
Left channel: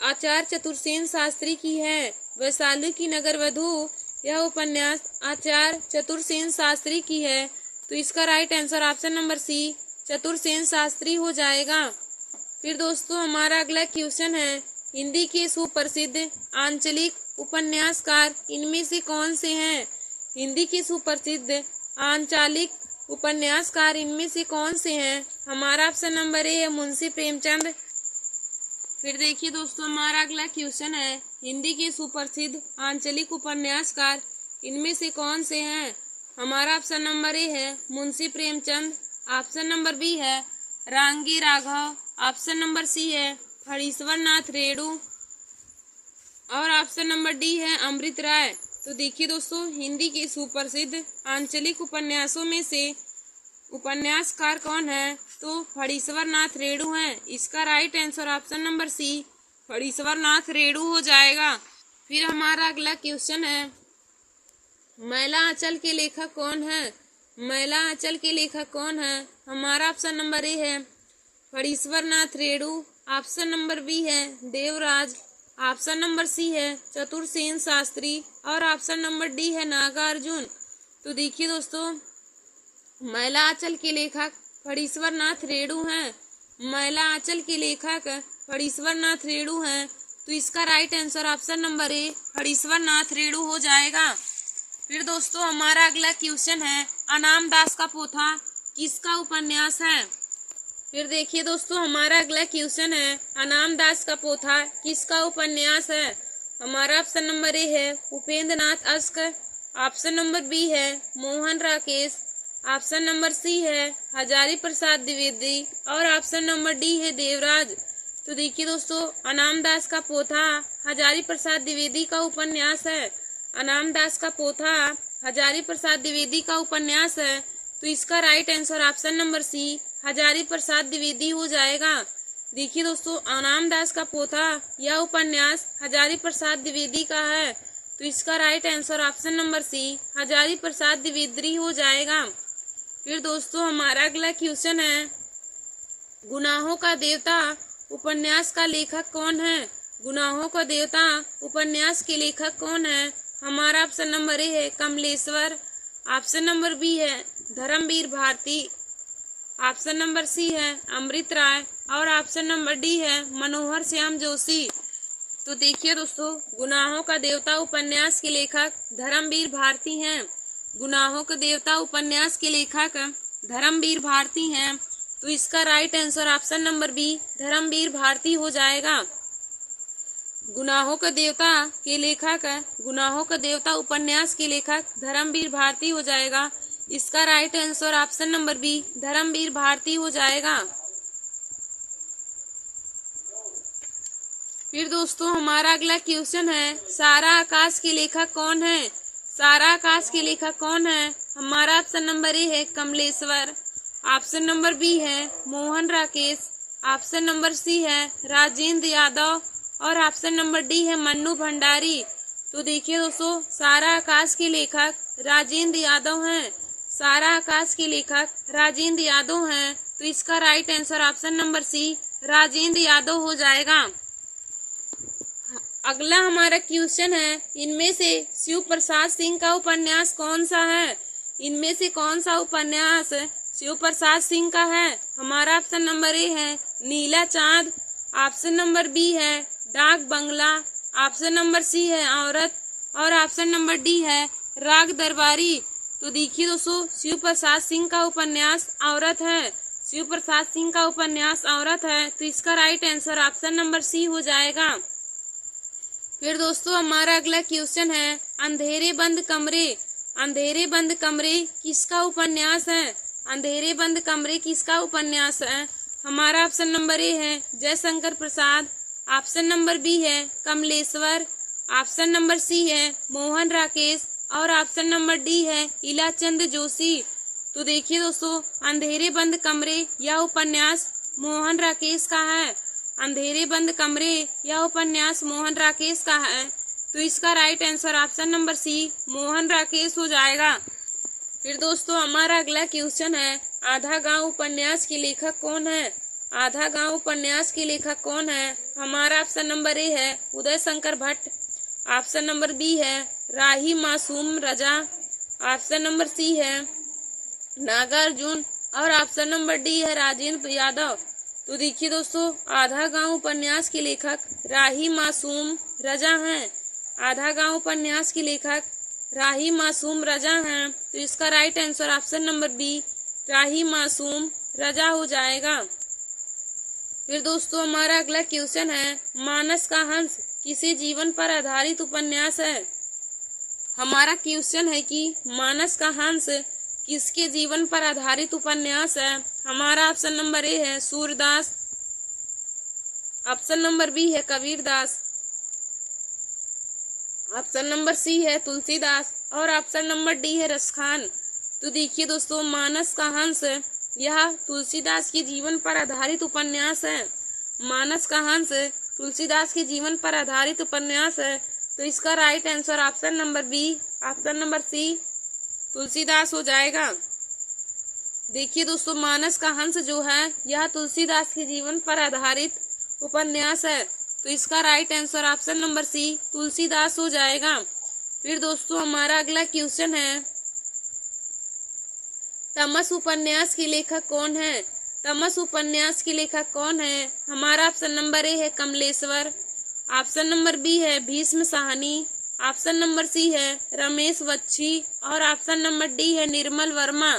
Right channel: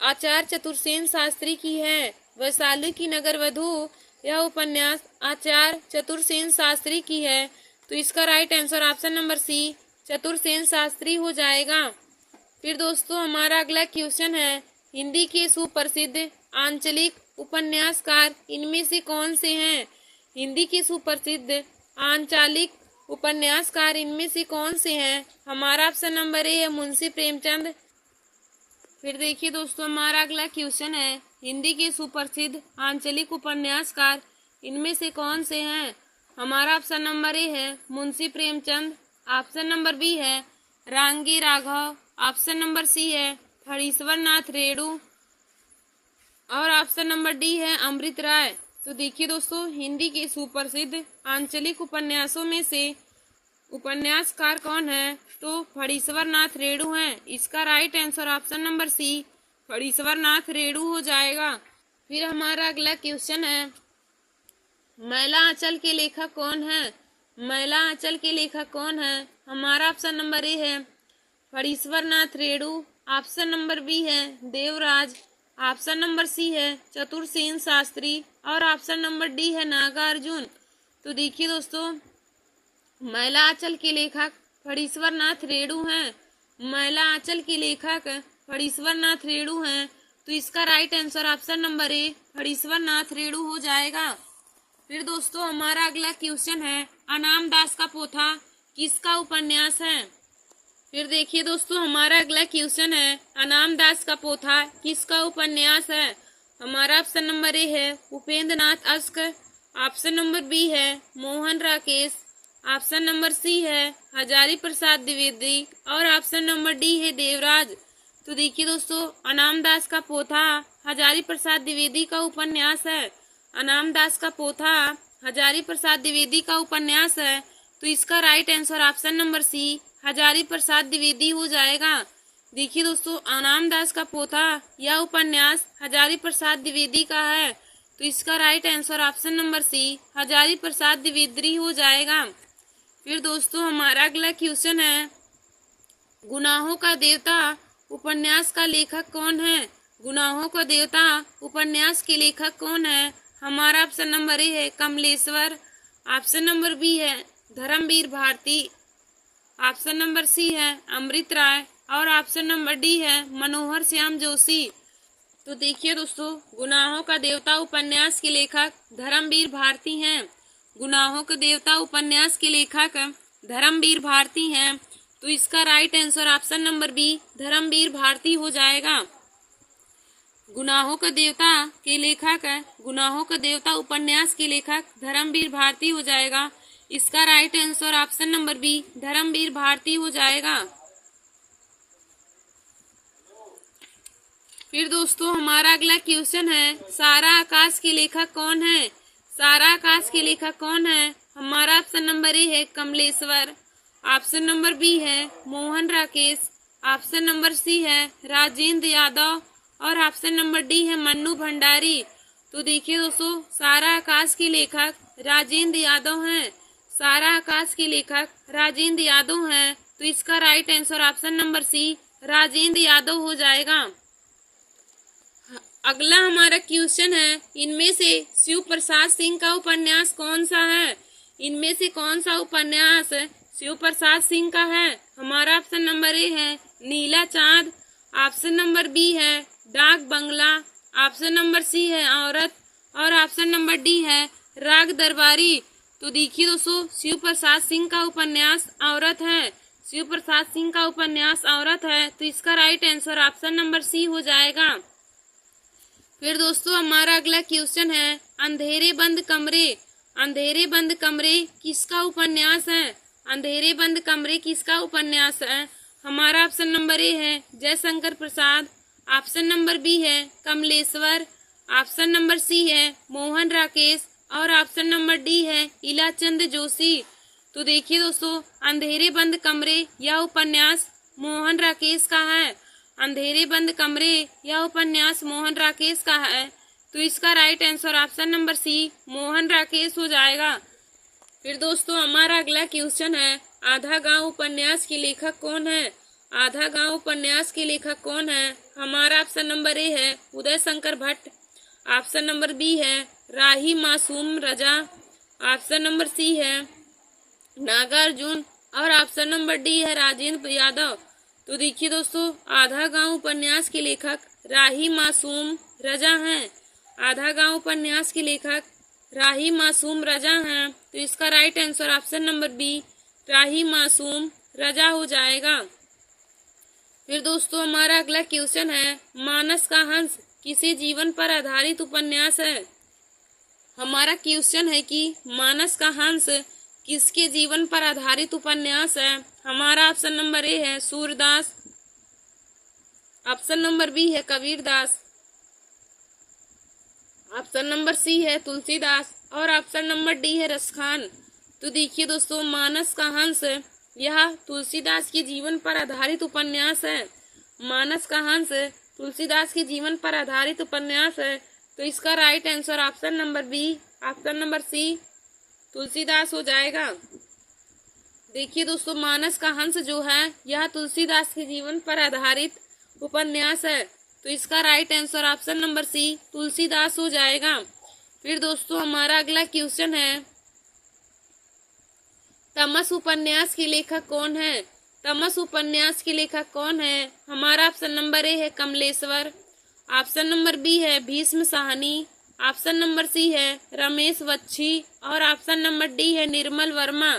आचार्य चतुर्सेन शास्त्री की है। वैशाली की नगर वधू यह उपन्यास आचार्य चतुर्सेन शास्त्री की है। तो इसका right answer option number C Chatursen Shastri हो जाएगा। फिर दोस्तों हमारा अगला क्वेश्चन है, हिंदी के सुप्रसिद्ध आंचलिक उपन्यासकार इनमें से कौन से हैं? हिंदी के सुप्रसिद्ध आंचलिक उपन्यासकार इनमें से कौन से हैं? हमारा ऑप्शन नंबर ए है मुंशी प्रेमचंद। फिर देखिए दोस्तों हमारा अगला क्वेश्चन है, हिंदी के सुप्रसिद्ध आंचलिक उपन्यासकार इनमें से कौन से हैं? हमारा ऑप्शन नंबर ए है Munshi Premchand, option number B है Rangeya Raghav, option number C है फणीश्वर नाथ रेणु और ऑप्शन नंबर डी है अमृत राय। तो देखिए दोस्तों, हिंदी के सुप्रसिद्ध आंचलिक उपन्यासों में से उपन्यासकार कौन है? तो फणीश्वर नाथ रेणु हैं। इसका right answer option number C Phanishwar Nath Renu हो जाएगा। फिर हमारा अगला क्वेश्चन है, मैला आंचल के लेखक कौन है? मैला आंचल के लेखक कौन है? हमारा ऑप्शन नंबर ए है Phanishwar Nath Renu, option number B है देवराज, ऑप्शन नंबर सी है चतुर्सेन शास्त्री और ऑप्शन नंबर डी है नागार्जुन। तो देखिए दोस्तों, मैला आंचल के लेखक फणीश्वर नाथ रेणु हैं। मैला आंचल के लेखक फणीश्वर नाथ रेणु हैं। तो इसका right answer option number A Phanishwar Nath Renu हो जाएगा। फिर दोस्तों हमारा अगला क्वेश्चन है, अनाम दास का पोथा किसका उपन्यास है। फिर देखिए दोस्तों, हमारा अगला क्वेश्चन है, अनाम दास का पोथा किसका उपन्यास है। हमारा ऑप्शन नंबर ए है उपेंद्र नाथ अश्क, ऑप्शन नंबर बी है Mohan Rakesh, option number C है हजारी प्रसाद द्विवेदी और ऑप्शन नंबर डी है देवराज। तो देखिए दोस्तों, अनाम दास का पोथा हजारी प्रसाद द्विवेदी का उपन्यास है। अनाम दास का पोथा हजारी प्रसाद द्विवेदी का उपन्यास है। तो इसका right answer option number C Hazari Prasad Dwivedi हो जाएगा। देखिए दोस्तों, अनाम दास का पोथा यह उपन्यास हजारी प्रसाद द्विवेदी का है। तो इसका right answer option number C Hazari Prasad Dwivedi हो जाएगा। फिर दोस्तों, हमारा अगला क्वेश्चन है, गुनाहों का देवता उपन्यास का लेखक कौन है। गुनाहों का देवता उपन्यास के लेखक कौन है। हमारा ऑप्शन नंबर ए है कमलेश्वर, ऑप्शन नंबर बी है Dharamvir Bharati, option number C है अमृत राय और ऑप्शन नंबर डी है मनोहर श्याम जोशी। तो देखिए दोस्तों, गुनाहों का देवता उपन्यास के लेखक धर्मवीर भारती हैं। गुनाहों के देवता उपन्यास के लेखक धर्मवीर भारती हैं। तो इसका right answer option number B Dharamvir Bharati हो जाएगा। गुनाहों का देवता के लेखक गुनाहों का देवता उपन्यास के लेखक धर्मवीर भारती हो जाएगा। इसका right answer option number B Dharamvir Bharati हो जाएगा। फिर दोस्तों, हमारा अगला क्वेश्चन है, सारा आकाश के लेखक कौन है। सारा आकाश के लेखक कौन है। हमारा ऑप्शन नंबर ए है कमलेश्वर, ऑप्शन नंबर बी है Mohan Rakesh, option number C है राजेंद्र यादव और ऑप्शन नंबर डी है मन्नू भंडारी। तो देखिए दोस्तों, सारा आकाश के लेखक राजेंद्र यादव हैं। सारा आकाश के लेखक राजेंद्र यादव हैं। तो इसका right answer option number C Rajendra Yadav हो जाएगा। अगला हमारा क्वेश्चन है, इनमें से शिव प्रसाद सिंह का उपन्यास कौन सा है। इनमें से कौन सा उपन्यास शिव प्रसाद सिंह का है। हमारा ऑप्शन नंबर ए है नीला चांद, ऑप्शन नंबर बी है डाक बंगला, ऑप्शन नंबर सी है औरत और ऑप्शन नंबर डी है राग दरबारी। तो देखिए दोस्तों, शिव प्रसाद सिंह का उपन्यास औरत है। शिव प्रसाद सिंह का उपन्यास औरत है। तो इसका right answer option number C हो जाएगा। फिर दोस्तों, हमारा अगला क्वेश्चन है, अंधेरे बंद कमरे। अंधेरे बंद कमरे किसका उपन्यास है। अंधेरे बंद कमरे किसका उपन्यास है। हमारा ऑप्शन नंबर ए है जयशंकर प्रसाद, ऑप्शन नंबर बी है कमलेश्वर, ऑप्शन नंबर सी है मोहन राकेश और ऑप्शन नंबर डी है इलाचंद जोशी। तो देखिए दोस्तों, अंधेरे बंद कमरे यह उपन्यास मोहन राकेश का है। अंधेरे बंद कमरे यह उपन्यास मोहन राकेश का है। तो इसका right answer option number C Mohan Rakesh हो जाएगा। फिर दोस्तों, हमारा अगला क्वेश्चन है, आधा गांव उपन्यास के लेखक कौन है। आधा गांव उपन्यास के लेखक कौन है। हमारा ऑप्शन नंबर ए है Uday Shankar Bhatt, option number B है राही मासूम रजा, ऑप्शन नंबर सी है नागार्जुन और ऑप्शन नंबर डी है राजेंद्र यादव। तो देखिए दोस्तों, आधा गांव उपन्यास के लेखक राही मासूम रजा हैं। आधा गांव उपन्यास के लेखक राही मासूम रजा हैं। तो इसका right answer option number B Rahi Masoom Raza हो जाएगा। फिर दोस्तों, हमारा अगला क्वेश्चन है, मानस का हंस किसी जीवन पर आधारित उपन्यास है। हमारा क्वेश्चन है कि मानस का हंस किसके जीवन पर आधारित उपन्यास है। हमारा ऑप्शन नंबर ए है सूरदास, ऑप्शन नंबर बी है कबीरदास, ऑप्शन नंबर सी है तुलसीदास और ऑप्शन नंबर डी है रसखान। तो देखिए दोस्तों, मानस का हंस यह तुलसीदास के जीवन पर आधारित उपन्यास है। मानस का हंस तुलसीदास के जीवन पर आधारित उपन्यास है। तो इसका right answer option number B option number C Tulsidas हो जाएगा। देखिए दोस्तों, मानस का हंस जो है यह तुलसीदास के जीवन पर आधारित उपन्यास है। तो इसका right answer option number C Tulsidas हो जाएगा। फिर दोस्तों, हमारा अगला क्वेश्चन है, तमस उपन्यास के लेखक कौन है। तमस उपन्यास के लेखक कौन है। हमारा ऑप्शन नंबर ए है कमलेश्वर, ऑप्शन नंबर बी है Bhisham Sahni, option number C है रमेश वच्छी और ऑप्शन नंबर डी है निर्मल वर्मा।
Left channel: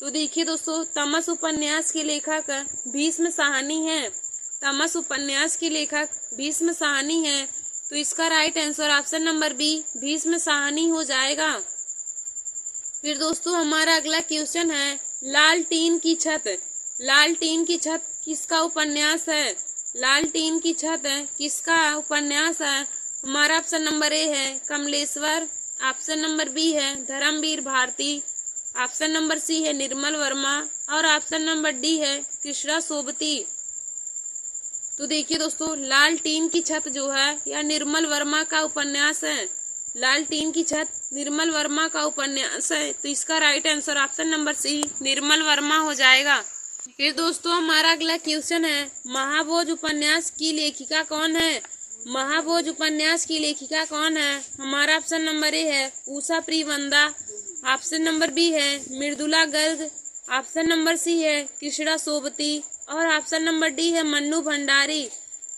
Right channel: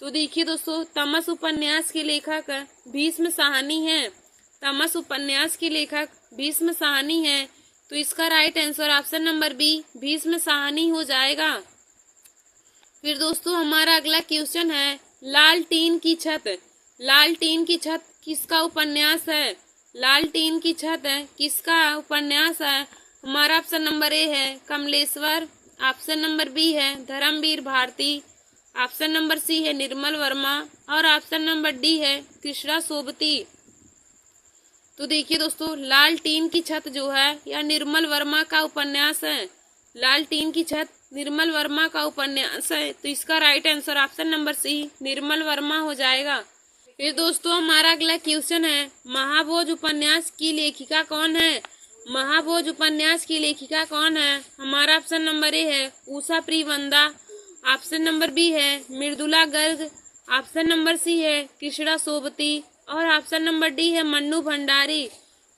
तो देखिए दोस्तों, तमस उपन्यास के लेखक भीष्म साहनी हैं। तमस उपन्यास के लेखक भीष्म साहनी हैं। तो इसका right answer option number B Bhisham Sahni हो जाएगा। फिर दोस्तों हमारा अगला क्वेश्चन है, लालटेन की छत। लालटेन की छत किसका उपन्यास है? लालटेन की छत किसका उपन्यास है? हमारा ऑप्शन नंबर ए है कमलेश्वर, ऑप्शन नंबर बी है Dharamvir Bharati, option number C है निर्मल वर्मा और ऑप्शन नंबर डी है कृष्णा सोबती। तो देखिए दोस्तों, लालटेन की छत जो है यह निर्मल वर्मा का उपन्यास है। लालटेन की छत निर्मल वर्मा का उपन्यास है। तो इसका right answer option number C Nirmal Verma हो जाएगा। फिर दोस्तों हमारा अगला क्वेश्चन है, महाभोज उपन्यास की लेखिका कौन है? महाभोज उपन्यास की लेखिका कौन है? हमारा ऑप्शन नंबर ए है Usha Priyamvada, option number B है Mridula Garg, option number C है कृष्णा सोबती और ऑप्शन नंबर डी है मन्नू भंडारी।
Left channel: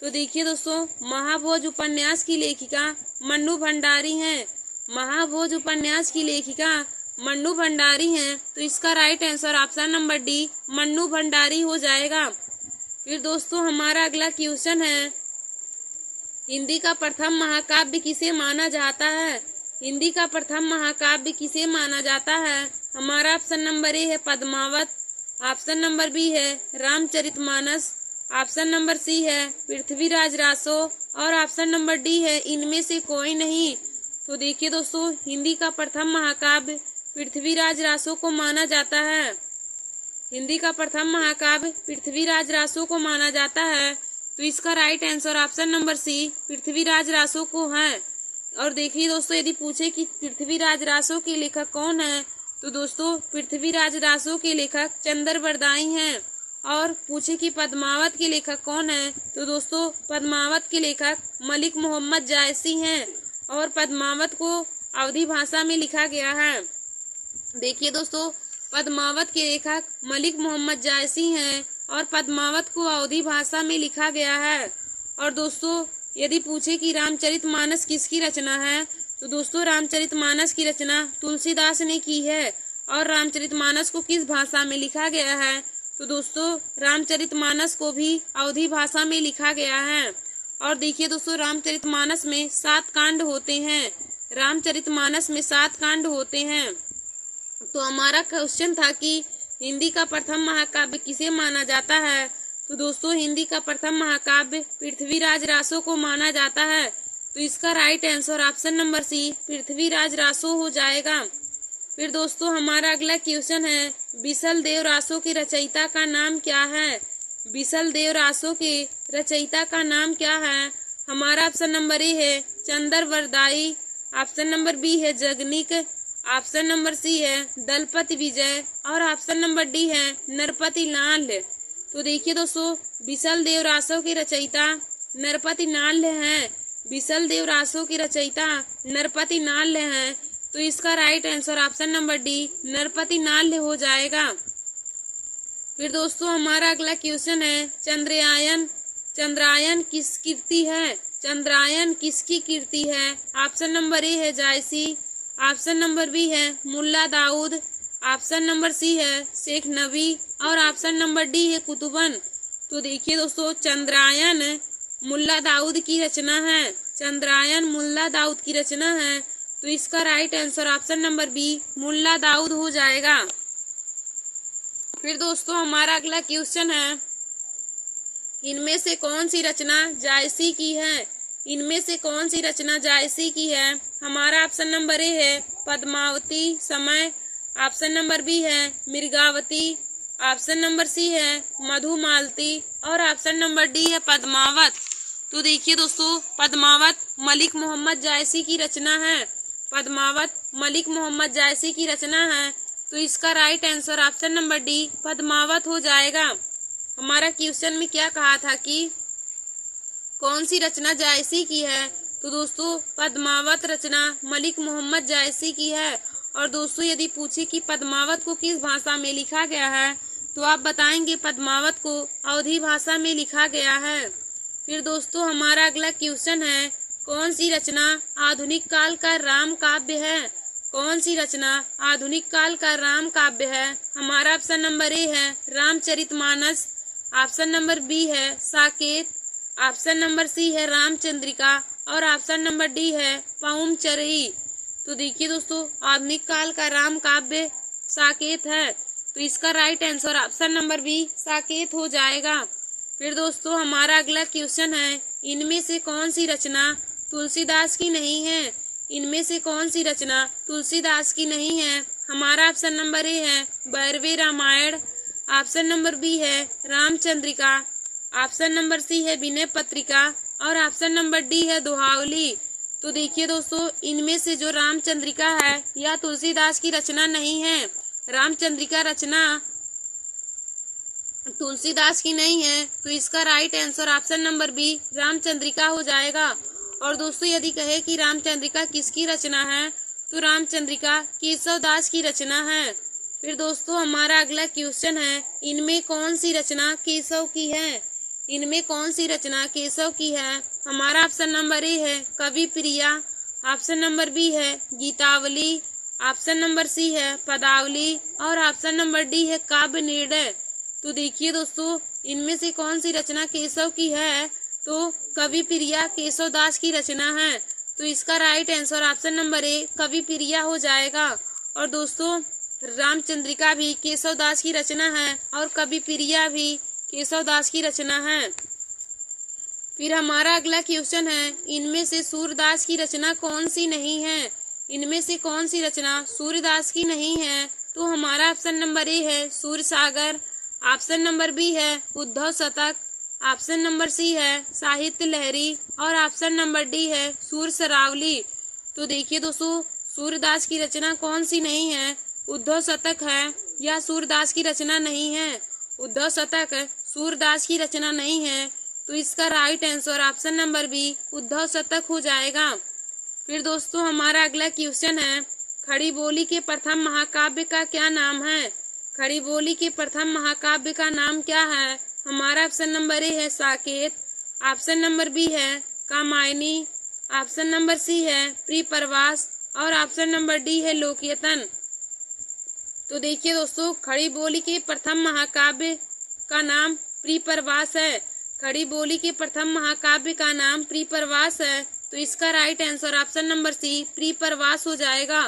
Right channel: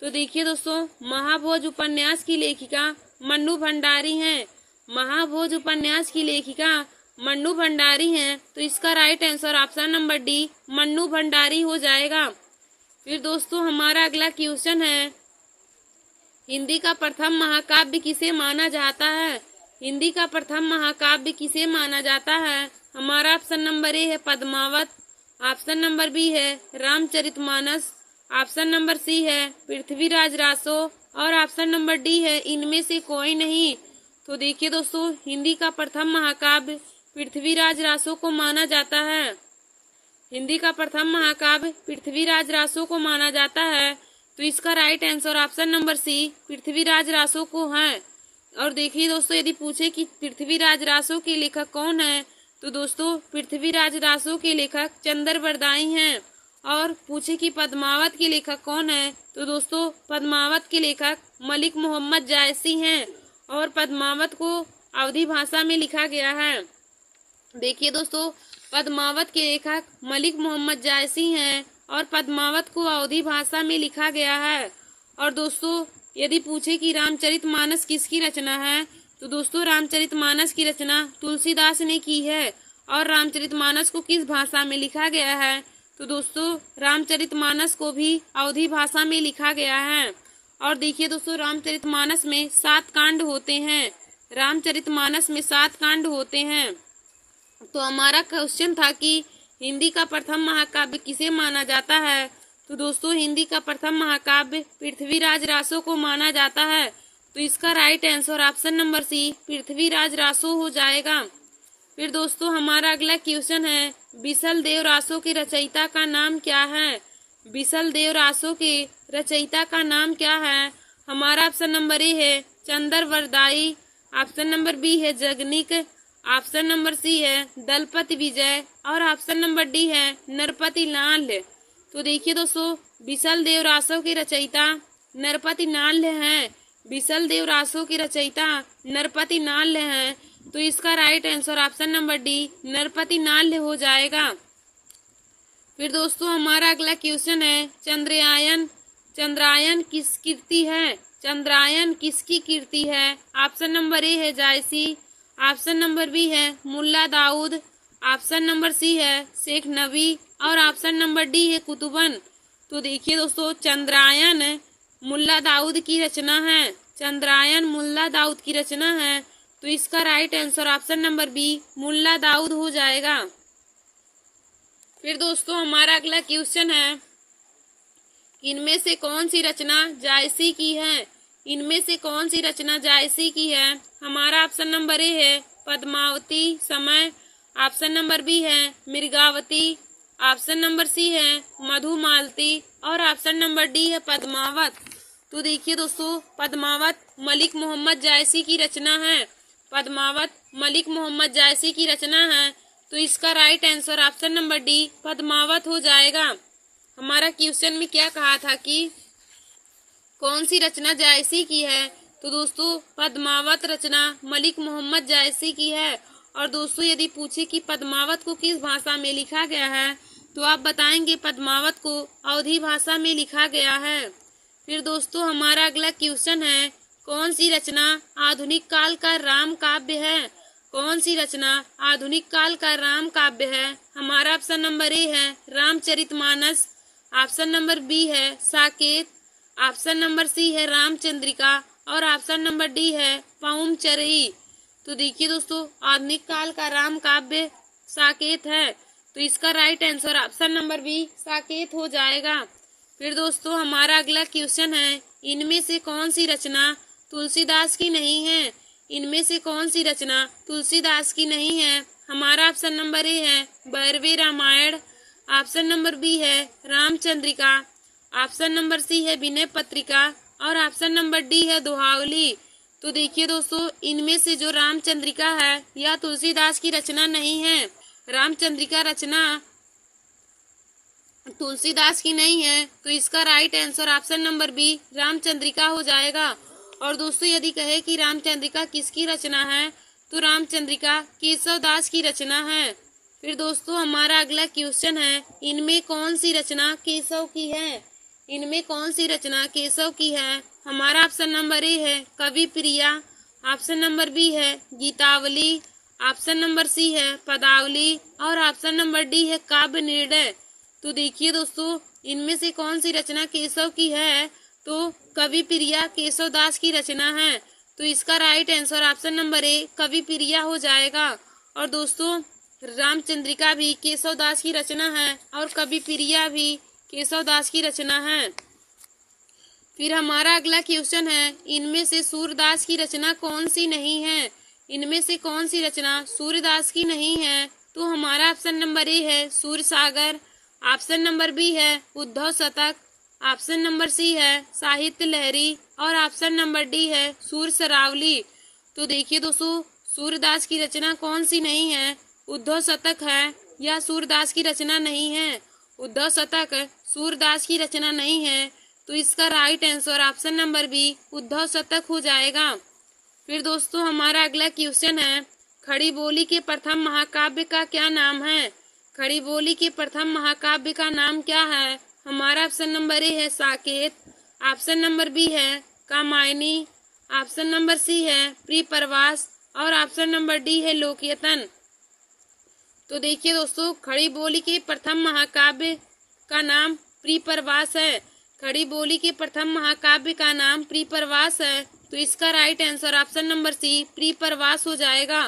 तो देखिए दोस्तों, महाभोज उपन्यास की लेखिका मन्नू भंडारी हैं। महाभोज उपन्यास की लेखिका मन्नू भंडारी हैं। तो इसका right answer option number D Mannu Bhandari हो जाएगा। फिर दोस्तों हमारा अगला क्वेश्चन है, हिंदी का प्रथम महाकाव्य किसे माना जाता है? हिंदी का प्रथम महाकाव्य किसे माना जाता है? हमारा ऑप्शन नंबर ए है पद्मावत, ऑप्शन नंबर बी है रामचरितमानस, ऑप्शन नंबर सी है पृथ्वीराज रासो और ऑप्शन नंबर डी है इनमें से कोई नहीं। तो देखिए दोस्तों, हिंदी का प्रथम महाकाव्य पृथ्वीराज रासो को माना जाता है। हिंदी का प्रथम महाकाव्य पृथ्वीराज रासो को माना जाता है। तो इसका right answer option number C Prithviraj Raso को है। और देखिए दोस्तों, यदि पूछे कि पृथ्वीराज रासो के लेखक कौन है, तो दोस्तों पृथ्वीराज रासो के लेखक चंद्रवरदाई हैं। और पूछे कि पद्मावत के लेखक कौन है, तो दोस्तों पद्मावत के लेखक मलिक मोहम्मद जायसी हैं और पद्मावत को अवधी भाषा में लिखा गया है। देखिए दोस्तों, पद्मावत के लेखक मलिक मोहम्मद जायसी हैं और पद्मावत को अवधी भाषा में लिखा गया है। और दोस्तों यदि पूछे कि रामचरितमानस किसकी रचना है, तो दोस्तों रामचरितमानस की रचना तुलसीदास ने की है। और रामचरितमानस को किस भाषा में लिखा गया है, तो दोस्तों रामचरितमानस को भी अवधी भाषा में लिखा गया है। और देखिए दोस्तों, रामचरितमानस में 7 कांड होते हैं। रामचरितमानस में 7 कांड होते हैं। तो हमारा क्वेश्चन था कि हिंदी का प्रथम महाकाव्य किसे माना जाता है, तो दोस्तों हिंदी का प्रथम महाकाव्य पृथ्वीराज रासो को माना जाता है। तो इसका right answer option number C Prithviraj Raso हो जाएगा। फिर दोस्तों हमारा अगला क्वेश्चन है, बिसल देव रासो के रचयिता का नाम क्या है? बिसल देव रासो के रचयिता का नाम क्या है? हमारा ऑप्शन नंबर ए है चंद्रवरदाई, ऑप्शन नंबर बी है जगनिक, ऑप्शन नंबर सी है दलपति विजय और ऑप्शन नंबर डी है नरपति लाल। तो देखिए दोस्तों, बिसल देव रासो के रचयिता नरपति नाल हैं। बिसल देव रासो के रचयिता नरपति नाल हैं। तो इसका right answer option number D Narpati Nal हो जाएगा। फिर दोस्तों हमारा अगला क्वेश्चन है, चंद्रायन। चंद्रायन किस कीर्ति है? चंद्रायन किसकी कीर्ति है? ऑप्शन नंबर ए है जायसी, ऑप्शन नंबर बी है Mulla Daud, option number C है शेख नबी और ऑप्शन नंबर डी है कुतुबन। तो देखिए दोस्तों, चंद्रायन मुल्ला दाऊद की रचना है। चंद्रायन मुल्ला दाऊद की रचना है। तो इसका right answer option number B Mulla Daud हो जाएगा। फिर दोस्तों हमारा अगला क्वेश्चन है, इनमें से कौन सी रचना जायसी की है? इनमें से कौन सी रचना जायसी की है? हमारा ऑप्शन नंबर ए है पद्मावती समय, ऑप्शन नंबर बी है मृगावती, ऑप्शन नंबर सी है मधुमालती और ऑप्शन नंबर डी है पद्मावत। तो देखिए दोस्तों, पद्मावत मलिक मोहम्मद जायसी की रचना है। पद्मावत मलिक मोहम्मद जायसी की रचना है। तो इसका right answer option number D Padmavat हो जाएगा। हमारा क्वेश्चन में क्या कहा था कि कौन सी रचना जायसी की है, तो दोस्तों पद्मावत रचना मलिक मोहम्मद जायसी की है। और दोस्तों यदि पूछे कि पद्मावत को किस भाषा में लिखा गया है, तो आप बताएंगे पद्मावत को अवधी भाषा में लिखा गया है। फिर दोस्तों हमारा अगला क्वेश्चन है, कौन सी रचना आधुनिक काल का राम काव्य है? कौन सी रचना आधुनिक काल का राम काव्य है? हमारा ऑप्शन नंबर ए है रामचरितमानस, ऑप्शन नंबर बी है साकेत, ऑप्शन नंबर सी है रामचंद्रिका और ऑप्शन नंबर डी है पाउमचरई। तो देखिए दोस्तों, आधुनिक काल का राम काव्य साकेत है, तो इसका right answer option number B Saket हो जाएगा। फिर दोस्तों हमारा अगला क्वेश्चन है, इनमें से कौन सी रचना तुलसीदास की नहीं है? इनमें से कौन सी रचना तुलसीदास की नहीं है? हमारा ऑप्शन नंबर ए है Bhairavi Ramayan, option number B है रामचंद्रिका, ऑप्शन नंबर सी है विनय पत्रिका और ऑप्शन नंबर डी है दोहावली। तो देखिए दोस्तों, इनमें से जो रामचंद्रिका है यह तुलसीदास की रचना नहीं है। रामचंद्रिका रचना तुलसीदास की नहीं है, तो इसका right answer option number B Ramchandrika हो जाएगा। और दोस्तों यदि कहे कि रामचंद्रिका किसकी रचना है, तो रामचंद्रिका केशवदास की रचना है। फिर दोस्तों हमारा अगला क्वेश्चन है, इनमें कौन सी रचना केशव की है? इनमें कौन सी रचना केशव की है? हमारा ऑप्शन नंबर ए है कवि प्रिया, ऑप्शन नंबर बी है गीतावली, ऑप्शन नंबर सी है पदावली और ऑप्शन नंबर डी है काव्य निर्णय। तो देखिए दोस्तों, इनमें से कौन सी रचना केशव की है? तो कवि प्रिया केशवदास की रचना है, तो इसका राइट आंसर ऑप्शन नंबर ए कवि प्रिया हो जाएगा। और दोस्तों रामचंद्रिका भी केशवदास की रचना है और कवि प्रिया भी केशवदास की रचना है। फिर हमारा अगला क्वेश्चन है, इनमें से सूरदास की रचना कौन सी नहीं है? इनमें से कौन सी रचना सूरदास की नहीं है? तो हमारा ऑप्शन नंबर ए है सूरसागर, ऑप्शन नंबर बी है उद्धव शतक, ऑप्शन नंबर सी है साहित्य लहरी और ऑप्शन नंबर डी है सूर सरावली। तो देखिए दोस्तों, सूरदास की रचना कौन सी नहीं है? उद्धव शतक है या सूरदास की रचना नहीं है? उद्धव शतक सूरदास की रचना नहीं है, तो इसका right answer option number B Uddhav Shatak हो जाएगा। फिर दोस्तों हमारा अगला क्वेश्चन है, खड़ी बोली के प्रथम महाकाव्य का क्या नाम है? खड़ी बोली के प्रथम महाकाव्य का नाम क्या है? हमारा ऑप्शन नंबर ए है साकेत, ऑप्शन नंबर बी है कामायनी, ऑप्शन नंबर सी है प्रियप्रवास और ऑप्शन नंबर डी है लोकयतन। तो देखिए दोस्तों, खड़ी बोली के प्रथम महाकाव्य का नाम प्रियप्रवास है। खड़ी बोली के प्रथम महाकाव्य का नाम प्रियप्रवास है, तो इसका right answer option number C Priyapravas हो जाएगा।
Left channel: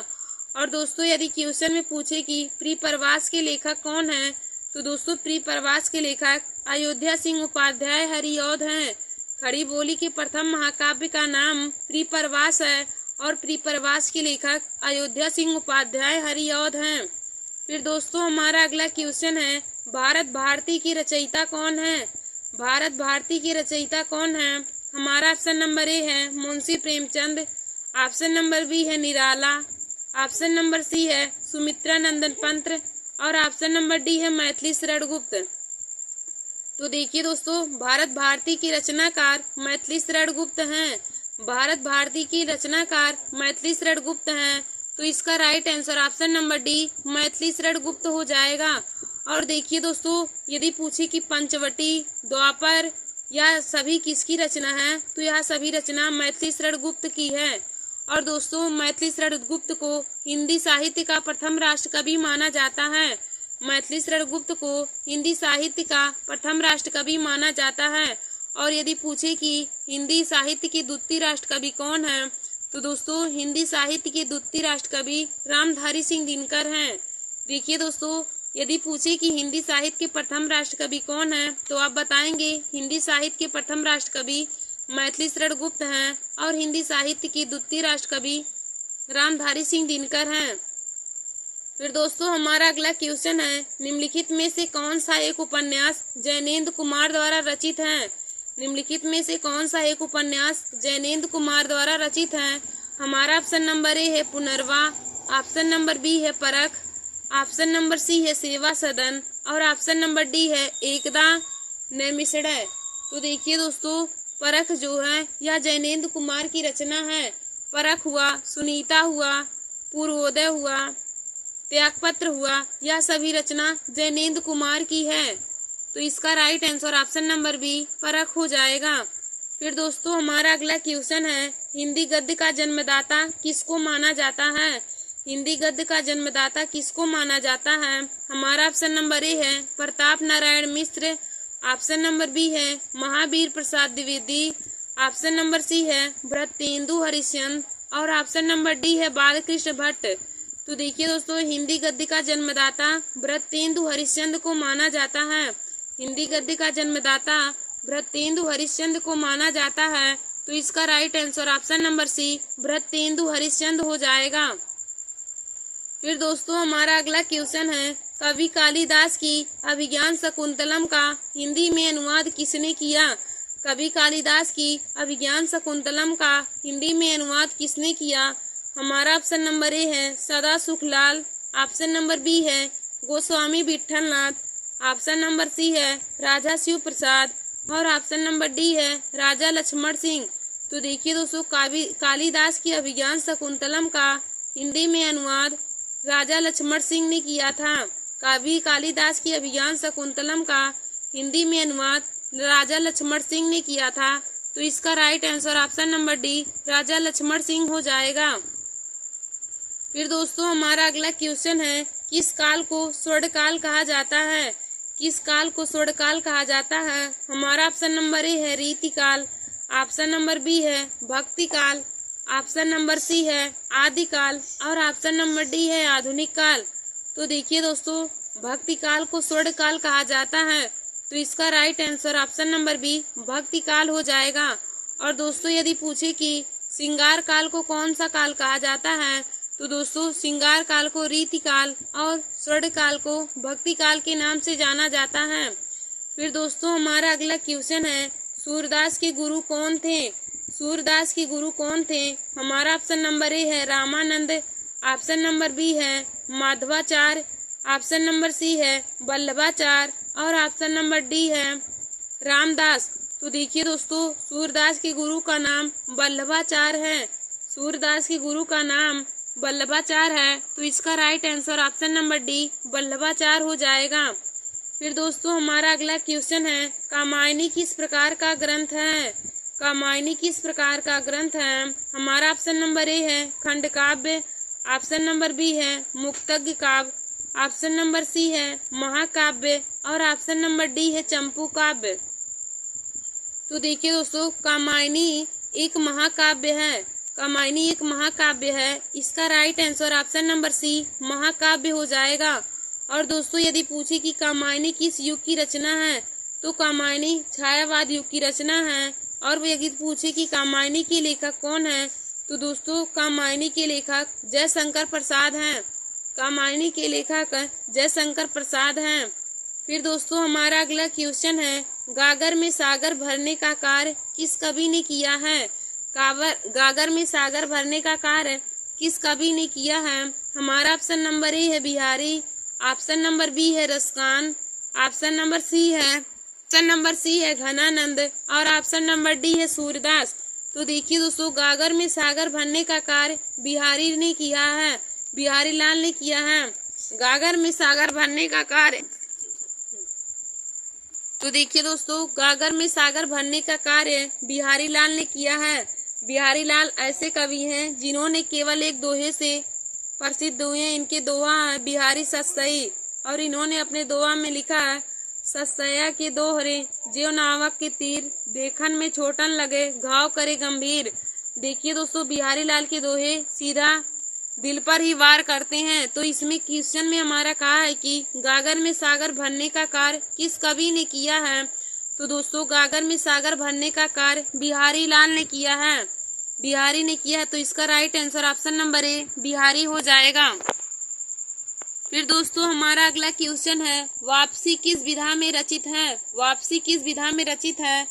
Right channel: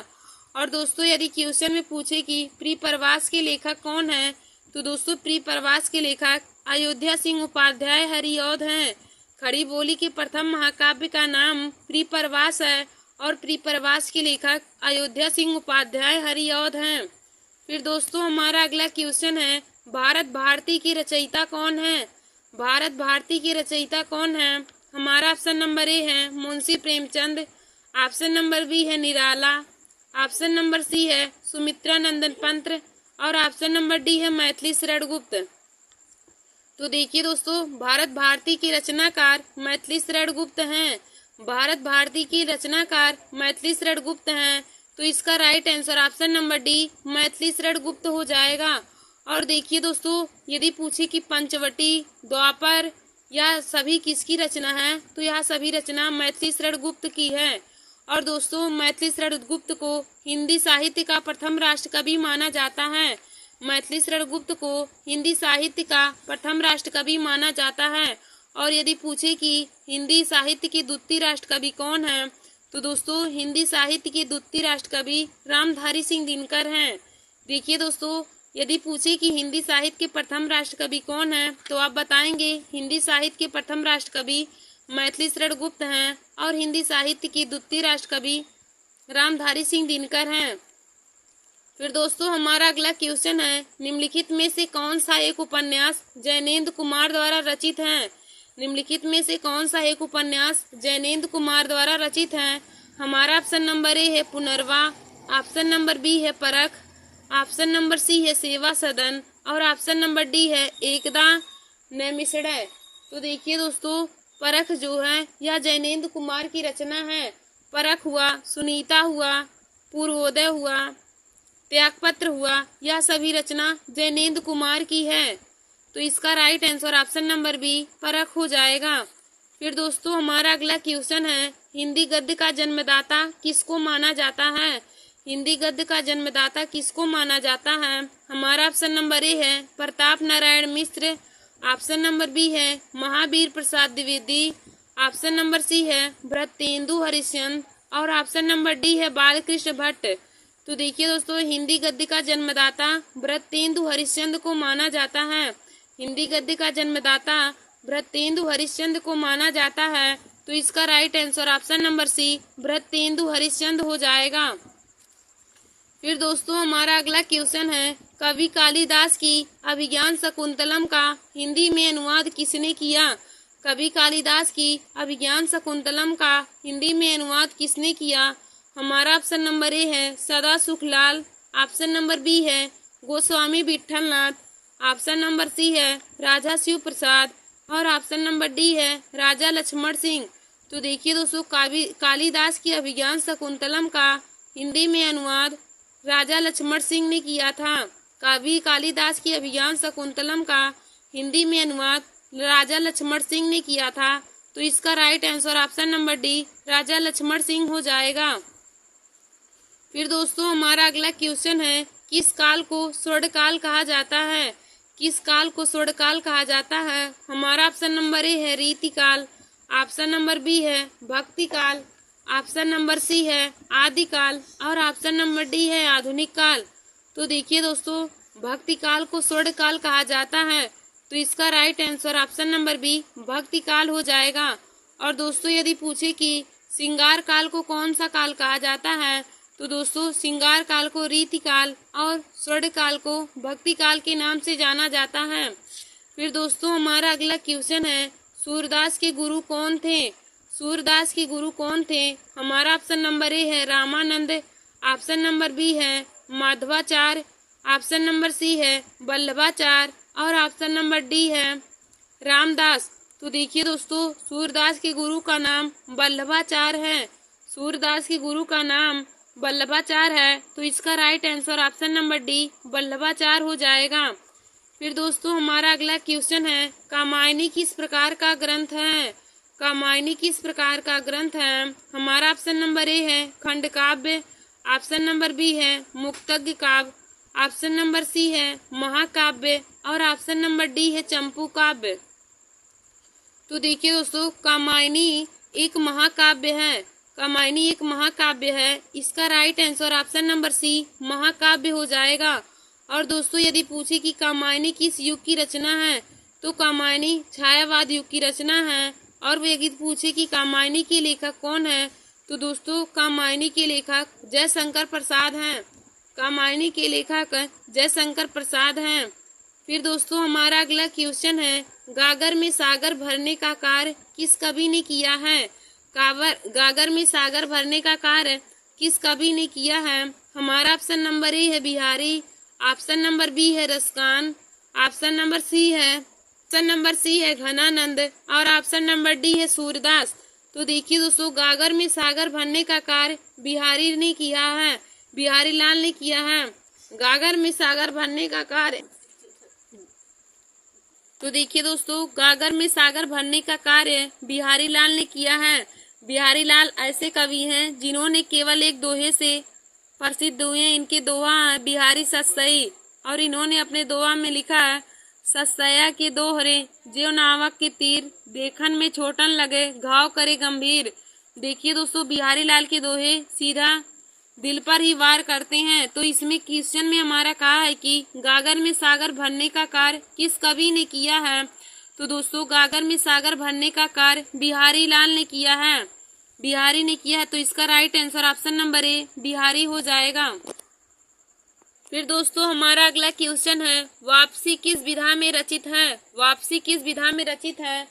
और दोस्तों यदि क्वेश्चन में पूछे कि प्रियप्रवास के लेखक कौन है, तो दोस्तों प्रियप्रवास के लेखक अयोध्या सिंह उपाध्याय हरिऔध हैं। खड़ी बोली के प्रथम महाकाव्य का नाम प्रियप्रवास है और प्रियप्रवास के लेखक अयोध्या सिंह उपाध्याय हरिऔध हैं। फिर दोस्तों हमारा अगला क्वेश्चन है, भारत भारती की रचयिता कौन है? भारत भारती की रचयिता कौन है? हमारा ऑप्शन नंबर ए है Munshi Premchand, option number B है निराला, ऑप्शन नंबर सी है सुमित्रा नंदन पंत और ऑप्शन नंबर डी है मैथिली शरण गुप्त। तो देखिए दोस्तों, भारत भारती के रचनाकार मैथिली शरण गुप्त हैं। भारत भारती की रचनाकार मैथिली शरण गुप्त हैं, तो इसका right answer option number D Maithili Sharan Gupt हो जाएगा। और देखिए दोस्तों, यदि पूछे कि पंचवटी, द्वापर या सभी किसकी रचना है, तो यह सभी रचना मैथिली शरण गुप्त की है। और दोस्तों मैथिली शरण गुप्त को हिंदी साहित्य का प्रथम राष्ट्रकवि माना जाता है। मैथिली शरण गुप्त को हिंदी साहित्य का प्रथम राष्ट्रकवि माना जाता है। और यदि पूछे कि हिंदी साहित्य के द्वितीय राष्ट्रकवि कौन है, तो दोस्तों हिंदी साहित्य के द्वितीय राष्ट्रकवि रामधारी सिंह दिनकर हैं। देखिए दोस्तों, यदि पूछे कि हिंदी साहित्य के प्रथम राष्ट्रकवि कौन है, तो आप बताएंगे हिंदी साहित्य के प्रथम राष्ट्रकवि मैथिली शरण गुप्त हैं और हिंदी साहित्य के द्वितीय राष्ट्रकवि रामधारी सिंह दिनकर हैं। फिर दोस्तों हमारा अगला क्वेश्चन है, निम्नलिखित में से कौन सा एक उपन्यास जैनेन्द्र कुमार द्वारा रचित है? निम्नलिखित में से कौन सा एक उपन्यास जैनेन्द्र कुमार द्वारा रचित है? हमारा ऑप्शन नंबर ए है पुनर्वा, ऑप्शन नंबर बी है परख, ऑप्शन नंबर सी है सेवा सदन और ऑप्शन नंबर डी है एकदा नैमिषारण्य। तो देखिए दोस्तों, परख जो है यह जैनेन्द्र कुमार की रचना है। परख हुआ, सुनीता हुआ, पूर्वोदय हुआ, त्यागपत्र हुआ, यह सभी रचना जैनेन्द्र कुमार की है। तो इसका right answer option number B Parakh हो जाएगा। फिर दोस्तों हमारा अगला क्वेश्चन है, हिंदी गद्य का जन्मदाता किसको माना जाता है? हिंदी गद्य का जन्मदाता किसको माना जाता है? हमारा ऑप्शन नंबर ए है Pratap Narayan Mishra. Option number B है Mahavir Prasad Dwivedi. Option number C है भरतेंदु हरिश्चंद्र और ऑप्शन नंबर डी है बालकृष्ण भट्ट। तो देखिए दोस्तों, हिंदी गद्य का जन्मदाता भरतेंदु हरिश्चंद्र को माना जाता है। हिंदी गद्य का जन्मदाता भरतेंदु हरिश्चंद्र को माना जाता है। तो इसका right answer option number C Bharatendu Harishchandra हो जाएगा। फिर दोस्तों हमारा अगला क्वेश्चन है, कवि कालिदास की अभिज्ञान शकुंतलम का हिंदी में अनुवाद किसने किया? कवि कालिदास की अभिज्ञान शकुंतलम का हिंदी में अनुवाद किसने किया? हमारा ऑप्शन नंबर ए है सदा सुखलाल। ऑप्शन नंबर बी है Goswami Vitthalnath. Option number C है राजा शिव प्रसाद और ऑप्शन नंबर डी है राजा लक्ष्मण सिंह। तो देखिए दोस्तों, कालिदास की अभिज्ञान शकुंतलम का हिंदी में अनुवाद राजा लक्ष्मण सिंह ने किया था। कवि कालिदास की अभिज्ञान शकुंतलम का हिंदी में अनुवाद राजा लक्ष्मण सिंह ने किया था। तो इसका right answer option number D Raja Lakshman Singh हो जाएगा। फिर दोस्तों हमारा अगला क्वेश्चन है, किस काल को स्वर्णकाल कहा जाता है? किस काल को स्वर्णकाल कहा जाता है? हमारा ऑप्शन नंबर ए है रीतिकाल। ऑप्शन नंबर बी है भक्ति काल। ऑप्शन नंबर सी है आदिकाल और ऑप्शन नंबर डी है आधुनिक काल। तो देखिए दोस्तों, भक्ति काल को स्वर्णकाल कहा जाता है। तो इसका right answer option number B भक्ति काल हो जाएगा। और दोस्तों यदि पूछे कि श्रृंगार काल को कौन सा काल कहा जाता है, तो दोस्तों श्रृंगार काल को रीतिकाल और स्वर्ण काल को भक्ति काल के नाम से जाना जाता है। फिर दोस्तों हमारा अगला क्वेश्चन है, सूरदास के गुरु कौन थे? सूरदास के गुरु कौन थे? हमारा ऑप्शन नंबर ए है रामानंद। ऑप्शन नंबर बी है माधवाचार्य। ऑप्शन नंबर सी है वल्लभाचार्य और ऑप्शन नंबर डी है रामदास। तो देखिए दोस्तों, सूरदास के गुरु का नाम वल्लभाचार्य है। सूरदास के गुरु का नाम वल्लभाचार्य है। तो इसका right answer option number D Vallabhacharya हो जाएगा। फिर दोस्तों हमारा अगला क्वेश्चन है, कामायनी किस प्रकार का ग्रंथ है? कामायनी किस प्रकार का ग्रंथ है? हमारा ऑप्शन नंबर ए है खंड काव्य। ऑप्शन नंबर बी है मुक्तज्ञ काव्य। ऑप्शन नंबर सी है महाकाव्य और ऑप्शन नंबर डी है चंपू काव्य। तो देखिए दोस्तों, कामायनी एक महाकाव्य है। कामायनी एक महाकाव्य है। इसका right answer option number C महाकाव्य हो जाएगा। और दोस्तों यदि पूछे कि कामायनी किस युग की रचना है, तो कामायनी छायावाद युग की रचना है। और यदि पूछे कि कामायनी के लेखक कौन है, तो दोस्तों कामायनी के लेखक जयशंकर प्रसाद हैं। कामायनी के लेखक जयशंकर प्रसाद हैं। फिर दोस्तों हमारा अगला क्वेश्चन है, गागर में सागर भरने का कार्य किस कवि ने किया है? गागर में सागर भरने का कार्य किस कवि ने किया है? हमारा ऑप्शन नंबर ए है बिहारी। ऑप्शन नंबर बी है रसकान। ऑप्शन नंबर सी है घनानंद और ऑप्शन नंबर डी है सूरदास। तो देखिए दोस्तों, गागर में सागर भरने का कार्य बिहारी ने किया है, बिहारी लाल ने किया है। गागर में सागर भरने का कार्य, तो देखिए दोस्तों, गागर में सागर भरने का कार्य बिहारी लाल ने किया है। बिहारी लाल ऐसे कवि हैं जिन्होंने केवल एक दोहे से प्रसिद्ध हुए हैं। इनके दोहा है बिहारी सतसई और इन्होंने अपने दोहा में लिखा है, सतसया के दोहरे ज्यों नावक के तीर, देखन में छोटन लगे घाव करे गंभीर। देखिए दोस्तों, बिहारी लाल के दोहे सीधा दिल पर ही वार करते हैं। तो इसमें क्वेश्चन में हमारा कहा है कि गागर में सागर भरने का कार्य किस कवि ने किया है? तो दोस्तों गागर में सागर भरने का कार्य बिहारी लाल ने किया है, बिहारी ने किया है। तो इसका राइट आंसर ऑप्शन नंबर ए बिहारी हो जाएगा। फिर दोस्तों हमारा अगला क्वेश्चन है, वापसी किस विधा में रचित है? वापसी किस विधा में रचित है?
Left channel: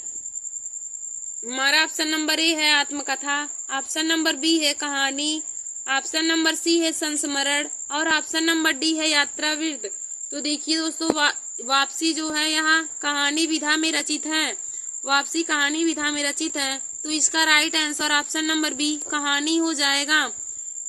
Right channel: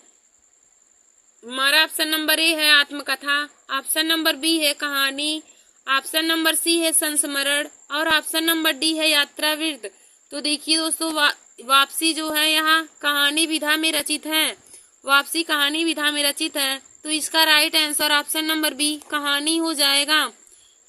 हमारा ऑप्शन नंबर ए है आत्मकथा। ऑप्शन नंबर बी है कहानी। ऑप्शन नंबर सी है संस्मरण और ऑप्शन नंबर डी है यात्रावृत्त। तो देखिए दोस्तों, वापसी जो है यहाँ कहानी विधा में रचित है। वापसी कहानी विधा में रचित है। तो इसका right answer option number B कहानी हो जाएगा।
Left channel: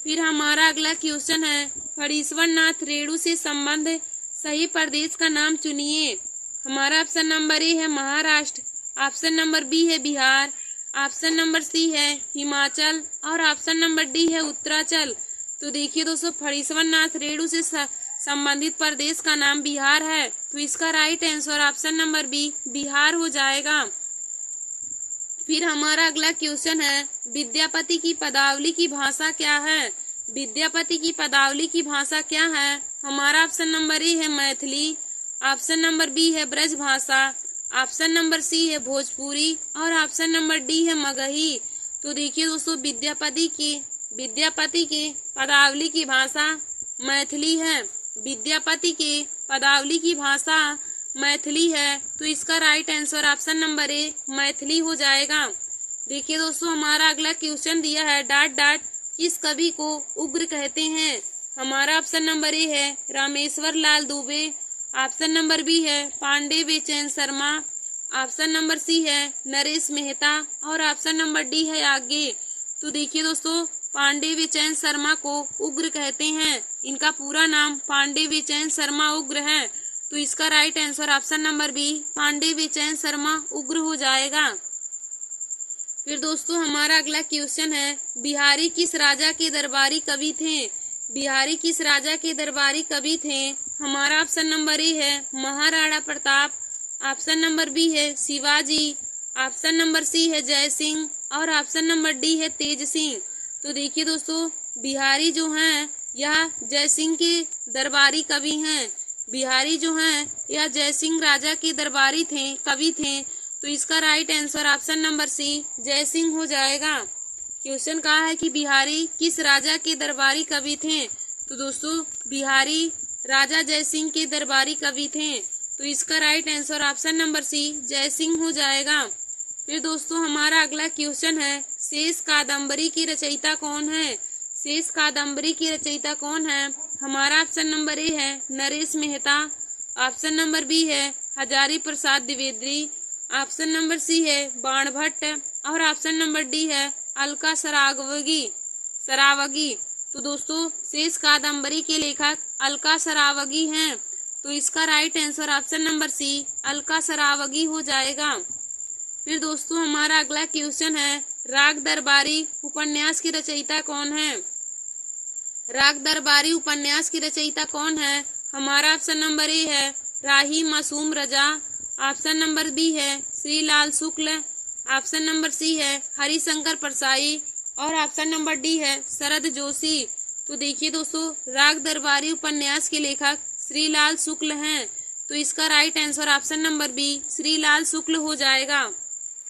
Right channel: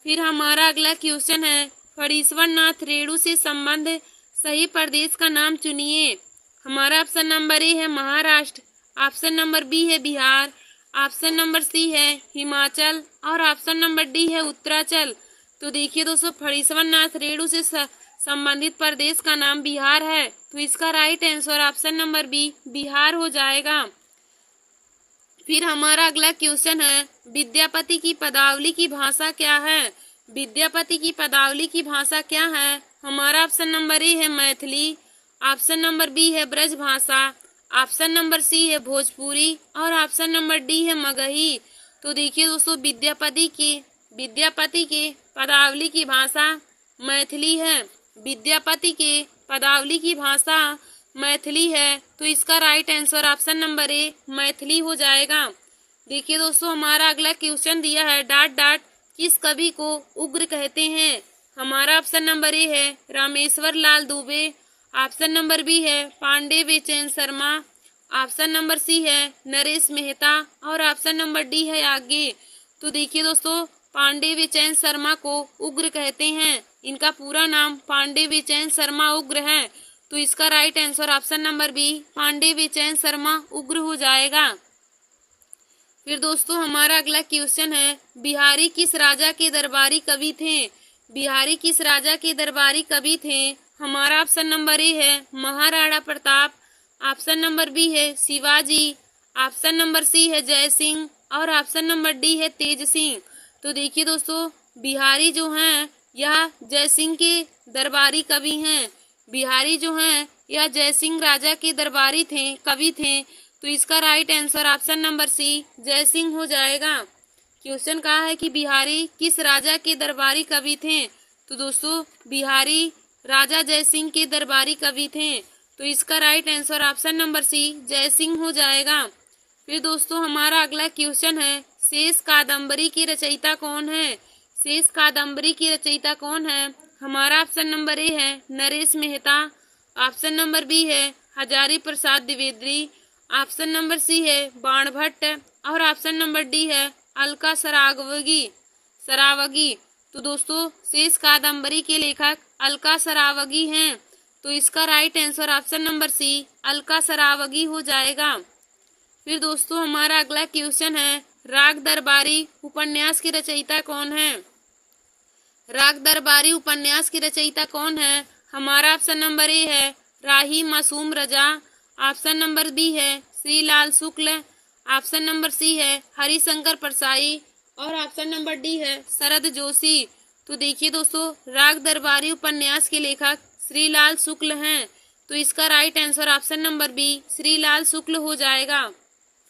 फिर हमारा अगला क्वेश्चन है, फणीश्वर नाथ रेणु से संबंध सही प्रदेश का नाम चुनिए। हमारा ऑप्शन नंबर ए है महाराष्ट्र। ऑप्शन नंबर बी है बिहार। ऑप्शन नंबर सी है हिमाचल और ऑप्शन नंबर डी है उत्तरांचल। तो देखिए दोस्तों, फणीश्वर नाथ रेणु से संबंधित प्रदेश का नाम बिहार है। तो इसका right answer option number B Bihar हो जाएगा। फिर हमारा अगला क्वेश्चन है, विद्यापति की पदावली की भाषा क्या है? विद्यापति की पदावली की भाषा क्या है? हमारा ऑप्शन नंबर ए है मैथिली, ऑप्शन नंबर बी है ब्रज भाषा, ऑप्शन नंबर सी है भोजपुरी और ऑप्शन नंबर डी है मगही। तो देखिए दोस्तों, विद्यापति के पदावली की भाषा मैथिली है। विद्यापति के पदावली की भाषा मैथिली है। तो इसका राइट आंसर ऑप्शन नंबर ए मैथिली हो जाएगा। देखिए दोस्तों, हमारा अगला क्वेश्चन दिया है, डॉट डॉट किस कवि को उग्र कहते हैं? हमारा ऑप्शन नंबर ए है रामेश्वर लाल दुबे, ऑप्शन नंबर बी है Pandey Bechain Sharma, option number C है नरेश मेहता और ऑप्शन नंबर डी है आगे। तो देखिए दोस्तों, पांडे बेचैन शर्मा को उग्र कहते हैं। इनका पूरा नाम पांडे बेचैन शर्मा उग्र है। तो इसका right answer option number B Pandey Bechain Sharma उग्र हो जाएगा। फिर दोस्तों, हमारा अगला क्वेश्चन है, बिहारी किस राजा के दरबारी कवि थे? बिहारी किस राजा के दरबारी कवि थे? हमारा ऑप्शन नंबर ए है Maharana Pratap, option number B है शिवाजी, ऑप्शन नंबर सी है जय सिंह और ऑप्शन नंबर डी है तेज सिंह। तो देखिए दोस्तों, बिहारी जो हैं यह जय सिंह के दरबारी कवि हैं। बिहारी जो हैं यह जय सिंह राजा के दरबारी थे, कवि थे। तो इसका right answer option number C Jai Singh हो जाएगा। क्वेश्चन कहा है कि बिहारी किस राजा के दरबारी कवि थे? तो दोस्तों, बिहारी राजा जय सिंह के दरबारी कवि थे। तो इसका right answer option number C Jai Singh हो जाएगा। फिर दोस्तों, हमारा अगला क्वेश्चन है, शेष कादम्बरी की रचयिता कौन है? शेष कादम्बरी की रचयिता कौन है? हमारा ऑप्शन नंबर ए है Naresh Mehta, option number B है Hazari Prasad Dwivedi, option number C है बाणभट्ट और ऑप्शन नंबर डी है अलका सरावगी। तो दोस्तों, शेष कादम्बरी के लेखक अलका सरावगी हैं। तो इसका right answer option number C Alka Saraogi हो जाएगा। फिर दोस्तों, हमारा अगला क्वेश्चन है, राग दरबारी उपन्यास की रचयिता कौन है? राग दरबारी उपन्यास की रचयिता कौन है? हमारा ऑप्शन नंबर ए है राही मासूम रजा, ऑप्शन नंबर बी है श्रीलाल शुक्ल, ऑप्शन नंबर सी है हरिशंकर परसाई और ऑप्शन नंबर डी है शरद जोशी। तो देखिए दोस्तों, राग दरबारी उपन्यास के लेखक श्रीलाल शुक्ल हैं। तो इसका right answer option number B Shrilal Shukla हो जाएगा।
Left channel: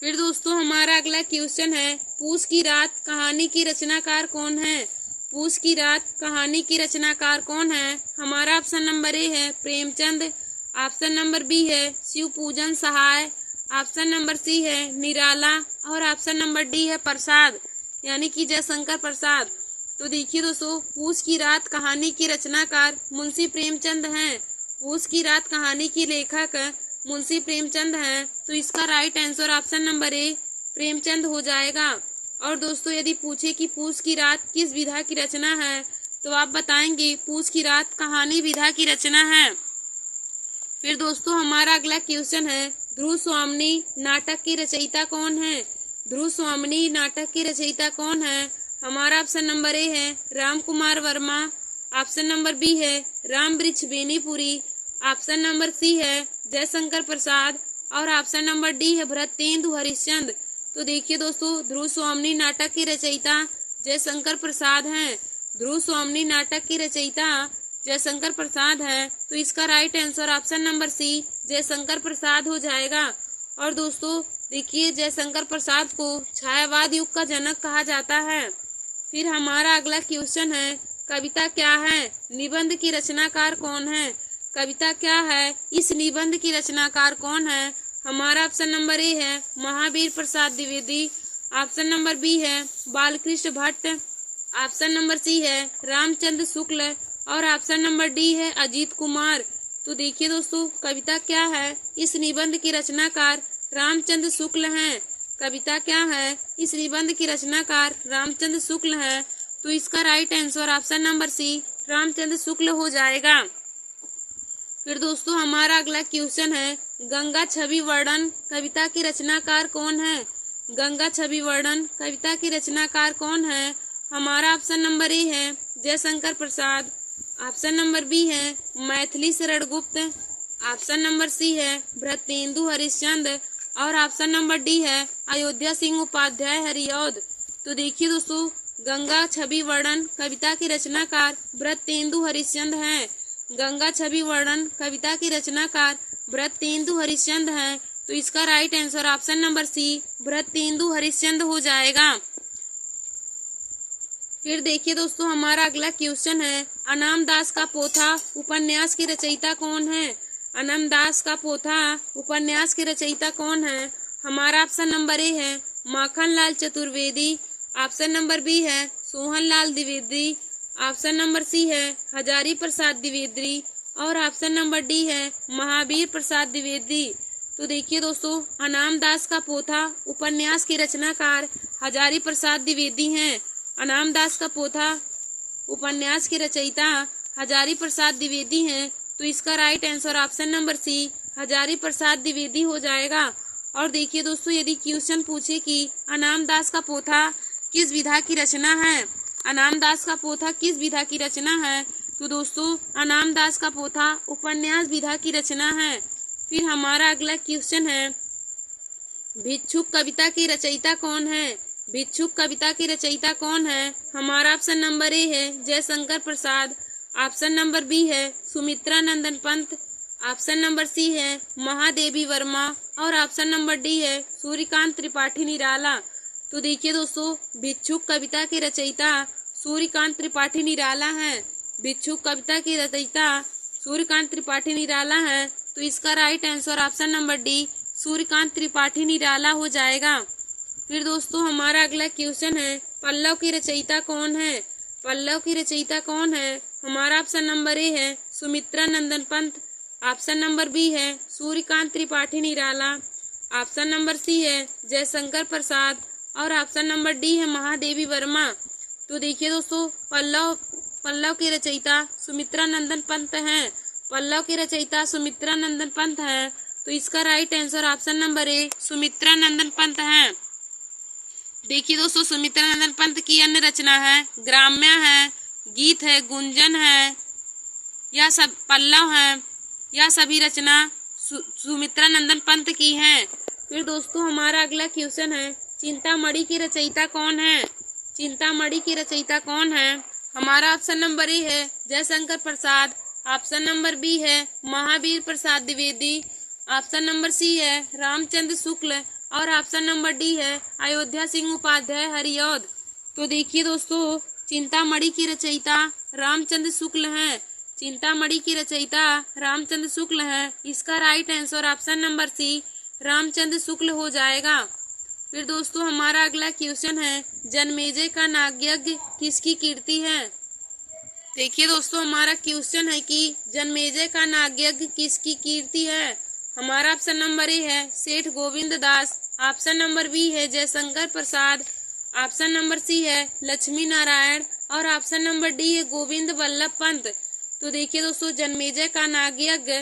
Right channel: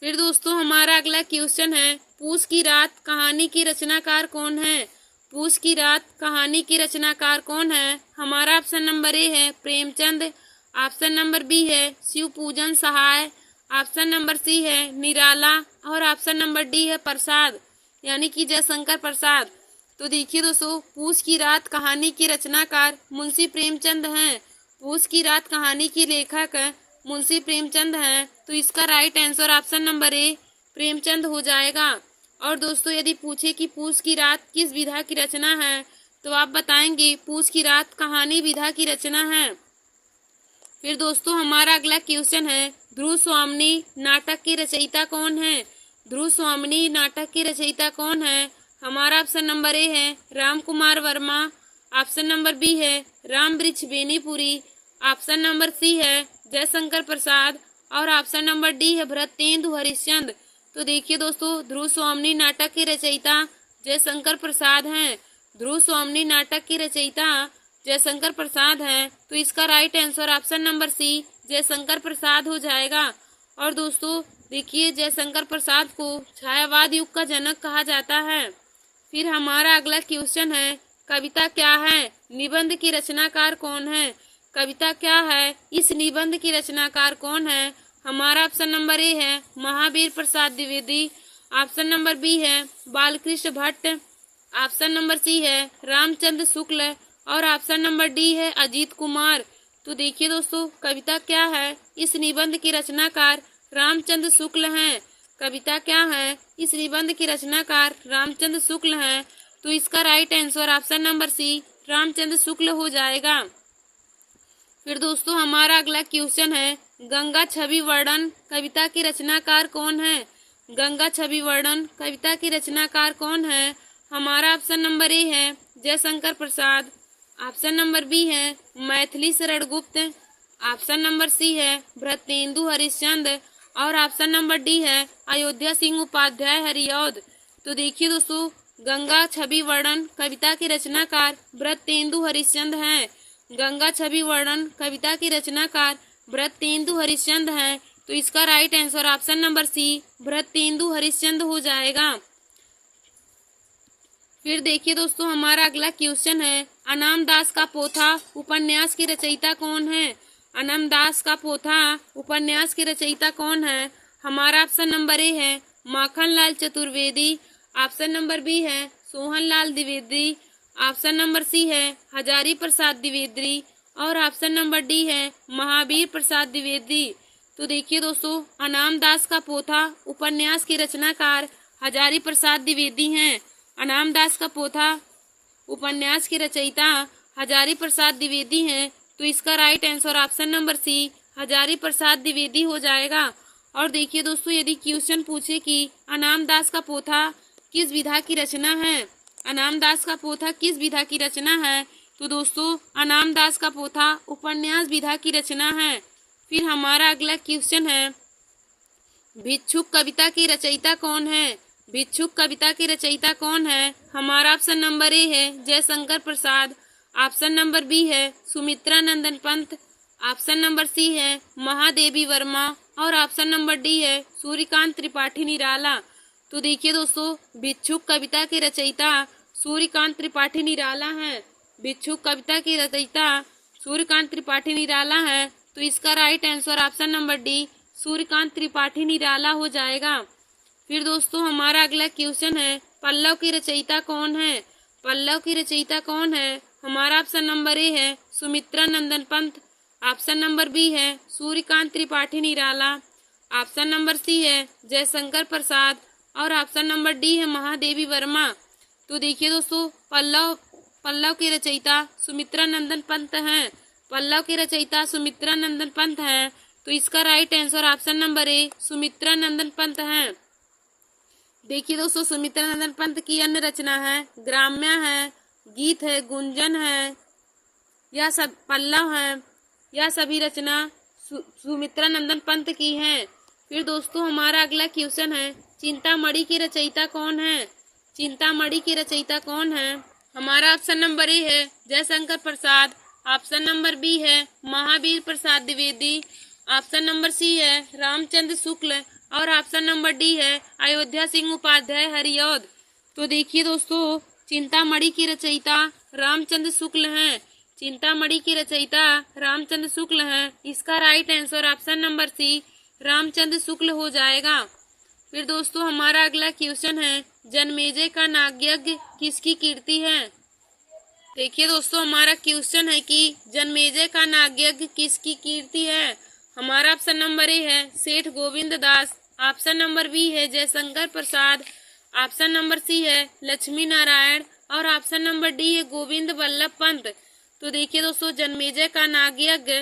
फिर दोस्तों, हमारा अगला क्वेश्चन है, पूस की रात कहानी की रचनाकार कौन है? पूस की रात कहानी की रचनाकार कौन है? हमारा ऑप्शन नंबर ए है प्रेमचंद, ऑप्शन नंबर बी है शिवपूजन सहाय, ऑप्शन नंबर सी है निराला और ऑप्शन नंबर डी है प्रसाद यानी कि जयशंकर प्रसाद। तो देखिए दोस्तों, पूस की रात कहानी की रचनाकार मुंशी प्रेमचंद हैं। पूस की रात कहानी की लेखक मुंशी प्रेमचंद हैं। तो इसका राइट आंसर ऑप्शन नंबर ए प्रेमचंद हो जाएगा। और दोस्तों, यदि पूछे कि पूस की रात किस विधा की रचना है तो आप बताएंगे पूस की रात कहानी विधा की रचना है। फिर दोस्तों, हमारा अगला क्वेश्चन है, ध्रुव स्वामिनी नाटक की रचयिता कौन है? ध्रुव स्वामिनी नाटक की रचयिता कौन है? हमारा ऑप्शन नंबर ए है Ram Kumar Verma, option number B है राम वृक्ष बेनीपुरी, ऑप्शन नंबर सी है जयशंकर प्रसाद और ऑप्शन नंबर डी है भरतेंदु हरिश्चंद्र। तो देखिए दोस्तों, ध्रुव स्वामिनी नाटक के रचयिता जयशंकर प्रसाद हैं। ध्रुव स्वामिनी नाटक की रचयिता जयशंकर प्रसाद हैं। तो इसका right answer option number C Jaishankar Prasad हो जाएगा। और दोस्तों देखिए, जयशंकर प्रसाद को छायावाद युग का जनक कहा जाता है। फिर हमारा अगला क्वेश्चन है, कविता क्या है? निबंध की रचनाकार कौन है? कविता क्या है? इस निबंध की रचनाकार कौन है? हमारा ऑप्शन नंबर ए है Mahavir Prasad Dwivedi, option number B है Balkrishna Bhatt, option number C है रामचंद्र शुक्ल और ऑप्शन नंबर डी है अजीत कुमार। तो देखिए दोस्तों, कविता क्या है? इस निबंध की रचनाकार रामचंद्र शुक्ल हैं। कविता क्या है? इस निबंध की रचनाकार रामचंद्र शुक्ल हैं। तो इसका right answer option number C Ramchandra Shukla हो जाएगा। फिर दोस्तों, हमारा अगला क्वेश्चन है, गंगा छवि वर्णन कविता की रचनाकार कौन है? गंगा छवि वर्णन कविता की रचनाकार कौन है? हमारा ऑप्शन नंबर ए है जयशंकर प्रसाद। ऑप्शन नंबर बी है Maithili Sharan Gupt. Option number C है भरतेंदु हरिश्चंद्र और ऑप्शन नंबर डी है अयोध्या सिंह उपाध्याय हरिऔध। तो देखिए दोस्तों, गंगा छवि वर्णन कविता के रचनाकार भरतेंदु हरिश्चंद्र हैं। गंगा छवि वर्णन कविता के रचनाकार भरतेंदु हरिश्चंद्र हैं। तो इसका right answer option number C Bharatendu Harishchandra हो जाएगा। फिर देखिए दोस्तों, हमारा अगला क्वेश्चन है अनाम दास का पोथा उपन्यास की रचयिता कौन है। अनाम दास का पोथा उपन्यास की रचयिता कौन है। हमारा ऑप्शन नंबर ए है Makhanlal Chaturvedi. Option number B है Sohanlal Dwivedi. Option number C है हजारी प्रसाद द्विवेदी और ऑप्शन नंबर डी है महावीर प्रसाद द्विवेदी। तो देखिए दोस्तों, अनाम दास का पोथा उपन्यास के रचनाकार हजारी प्रसाद द्विवेदी हैं। अनाम दास का पोथा उपन्यास के रचयिता हजारी प्रसाद द्विवेदी हैं। तो इसका right answer option number C Hazari Prasad Dwivedi हो जाएगा। और देखिए दोस्तों, यदि क्वेश्चन पूछे कि अनाम दास का पोथा किस विधा की रचना है, अनाम दास का पोथा किस विधा की रचना है, तो दोस्तों अनाम दास का पोथा उपन्यास विधा की रचना है। फिर हमारा अगला क्वेश्चन है भिक्षुक कविता की रचयिता कौन है। भिक्षुक कविता की रचयिता कौन है। हमारा ऑप्शन नंबर ए है जयशंकर प्रसाद। ऑप्शन नंबर बी है Sumitra Nandan Pant. Option number C है महादेवी वर्मा और ऑप्शन नंबर डी है सूर्यकांत त्रिपाठी निराला। तो देखिए दोस्तों, भिक्षुक कविता के रचयिता सूर्यकांत त्रिपाठी निराला हैं। भिक्षुक कविता की रचयिता सूर्यकांत त्रिपाठी निराला है। तो इसका right answer option number D Suryakant Tripathi Nirala हो जाएगा। फिर दोस्तों, हमारा अगला क्वेश्चन है पल्लव की रचयिता कौन है। पल्लव की रचयिता कौन है। हमारा ऑप्शन नंबर ए है Sumitra Nandan Pant. Option number B है सूर्यकांत त्रिपाठी निराला। ऑप्शन नंबर सी है जयशंकर प्रसाद और ऑप्शन नंबर डी है महादेवी वर्मा। तो देखिए दोस्तों, पल्लव के रचयिता सुमित्रा नंदन पंत हैं। पल्लव के रचयिता सुमित्रा नंदन पंत हैं। तो इसका right answer option number A Sumitra Nandan Pant हैं। देखिए दोस्तों, सुमित्रा नंदन पंत की अन्य रचना है ग्राम्य है, गीत है, गुंजन है, यह सब पल्लव है। यह सभी रचना सुमित्रा नंदन पंत की हैं। फिर दोस्तों, हमारा अगला क्वेश्चन है चिंतामणि की रचयिता कौन है। चिंतामणि की रचयिता कौन है। हमारा ऑप्शन नंबर ए है जयशंकर प्रसाद। ऑप्शन नंबर बी है Mahavir Prasad Dwivedi. Option number C है रामचंद्र शुक्ल और ऑप्शन नंबर डी है अयोध्या सिंह उपाध्याय हरिऔध। तो देखिए दोस्तों, चिंतामणि की रचयिता रामचंद्र शुक्ल हैं। चिंतामणि की रचयिता रामचंद्र शुक्ल हैं। इसका right answer option number C Ramchandra Shukla हो जाएगा। फिर दोस्तों, हमारा अगला क्वेश्चन है जन्मेजय का नागयज्ञ किसकी कीर्ति है। देखिए दोस्तों, हमारा क्वेश्चन है कि जन्मेजय का नागयज्ञ किसकी कीर्ति है। हमारा ऑप्शन नंबर ए है सेठ Govind Das. Option number B है जयशंकर प्रसाद। ऑप्शन नंबर सी है लक्ष्मी नारायण और ऑप्शन नंबर डी है गोविंद वल्लभ पंत। तो देखिए दोस्तों, जन्मेजय का नागयज्ञ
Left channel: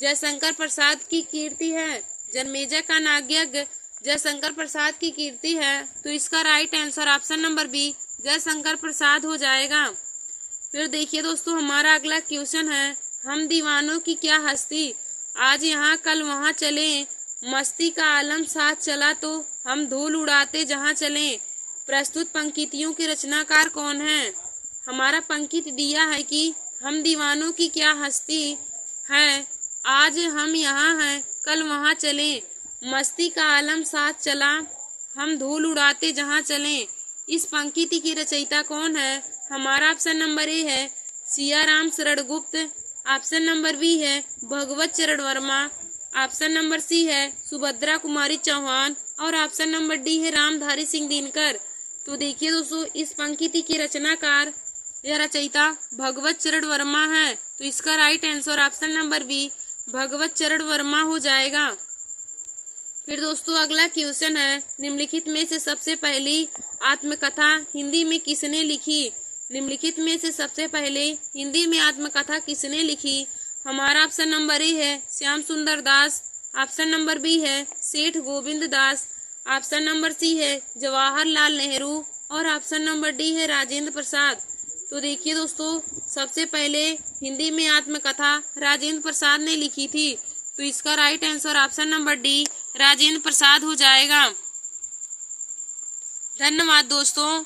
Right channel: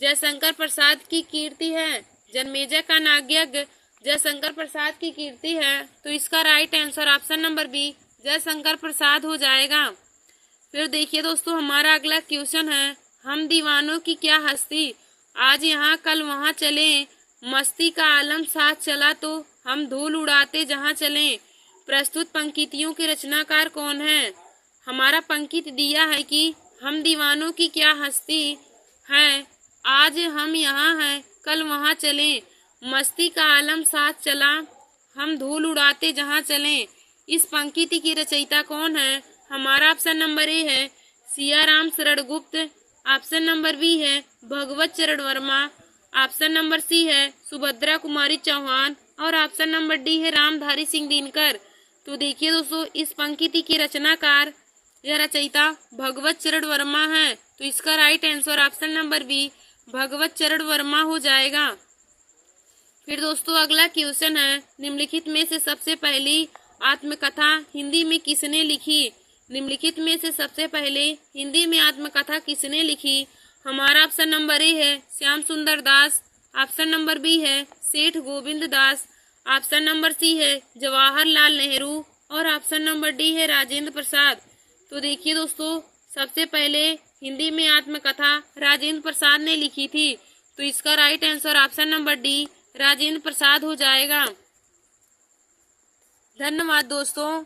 जयशंकर प्रसाद की कीर्ति है। जन्मेजय का नागयज्ञ जयशंकर प्रसाद की कीर्ति है। तो इसका right answer option number B Jaishankar Prasad हो जाएगा। फिर देखिए दोस्तों, हमारा अगला क्वेश्चन है हम दीवानों की क्या हस्ती, आज यहाँ कल वहाँ चले, मस्ती का आलम साथ चला तो हम धूल उड़ाते जहाँ चले। प्रस्तुत पंक्तियों के रचनाकार कौन है। हमारा पंक्ति दिया है कि हम दीवानों की क्या हस्ती है, आज हम यहाँ हैं कल वहाँ चले, मस्ती का आलम साथ चला, हम धूल उड़ाते जहाँ चले। इस पंक्ति की रचयिता कौन है। हमारा ऑप्शन नंबर ए है Siyaram Sharan Gupt. Option number B है भगवत Charan Verma. Option number C है सुभद्रा कुमारी चौहान और ऑप्शन नंबर डी है रामधारी सिंह दिनकर। तो देखिए दोस्तों, इस पंक्ति के रचनाकार या रचयिता भगवत चरण वर्मा है। तो इसका right answer option number B Bhagwat Charan Verma हो जाएगा। फिर दोस्तों, अगला क्वेश्चन है निम्नलिखित में से सबसे पहली आत्मकथा हिंदी में किसने लिखी। निम्नलिखित में से सबसे पहले हिंदी में आत्मकथा किसने लिखी। हमारा ऑप्शन नंबर ए है श्याम सुंदर दास। ऑप्शन नंबर बी है सेठ Govind Das. Option number C है जवाहरलाल नेहरू और ऑप्शन नंबर डी है राजेंद्र प्रसाद। तो देखिए दोस्तों, सबसे पहले हिंदी में आत्मकथा राजेंद्र प्रसाद ने लिखी थी। तो इसका right answer option number D Rajendra Prasad हो जाएगा। धन्यवाद दोस्तों।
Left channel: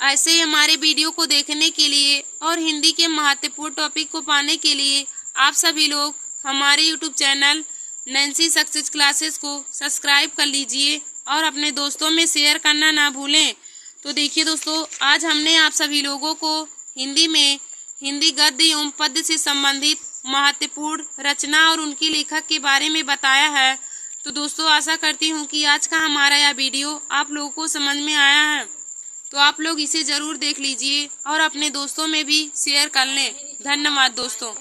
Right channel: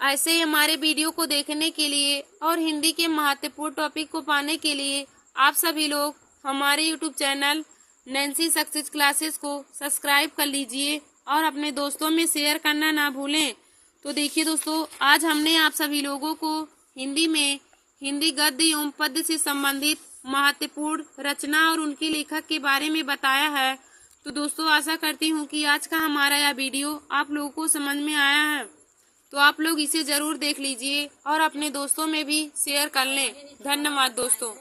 ऐसे ही हमारे वीडियो को देखने के लिए और हिंदी के महत्वपूर्ण टॉपिक को पाने के लिए आप सभी लोग हमारे YouTube channel Nancy success classes को सब्सक्राइब कर लीजिए और अपने दोस्तों में शेयर करना ना भूलें। तो देखिए दोस्तों, आज हमने आप सभी लोगों को हिंदी में हिंदी गद्य एवं पद्य से संबंधित महत्वपूर्ण रचना और उनके लेखक के बारे में बताया है। तो दोस्तों, आशा करती हूँ कि आज का हमारा यह वीडियो आप लोगों को समझ में आया है। तो आप लोग इसे ज़रूर देख लीजिए और अपने दोस्तों में भी शेयर कर लें। धन्यवाद दोस्तों।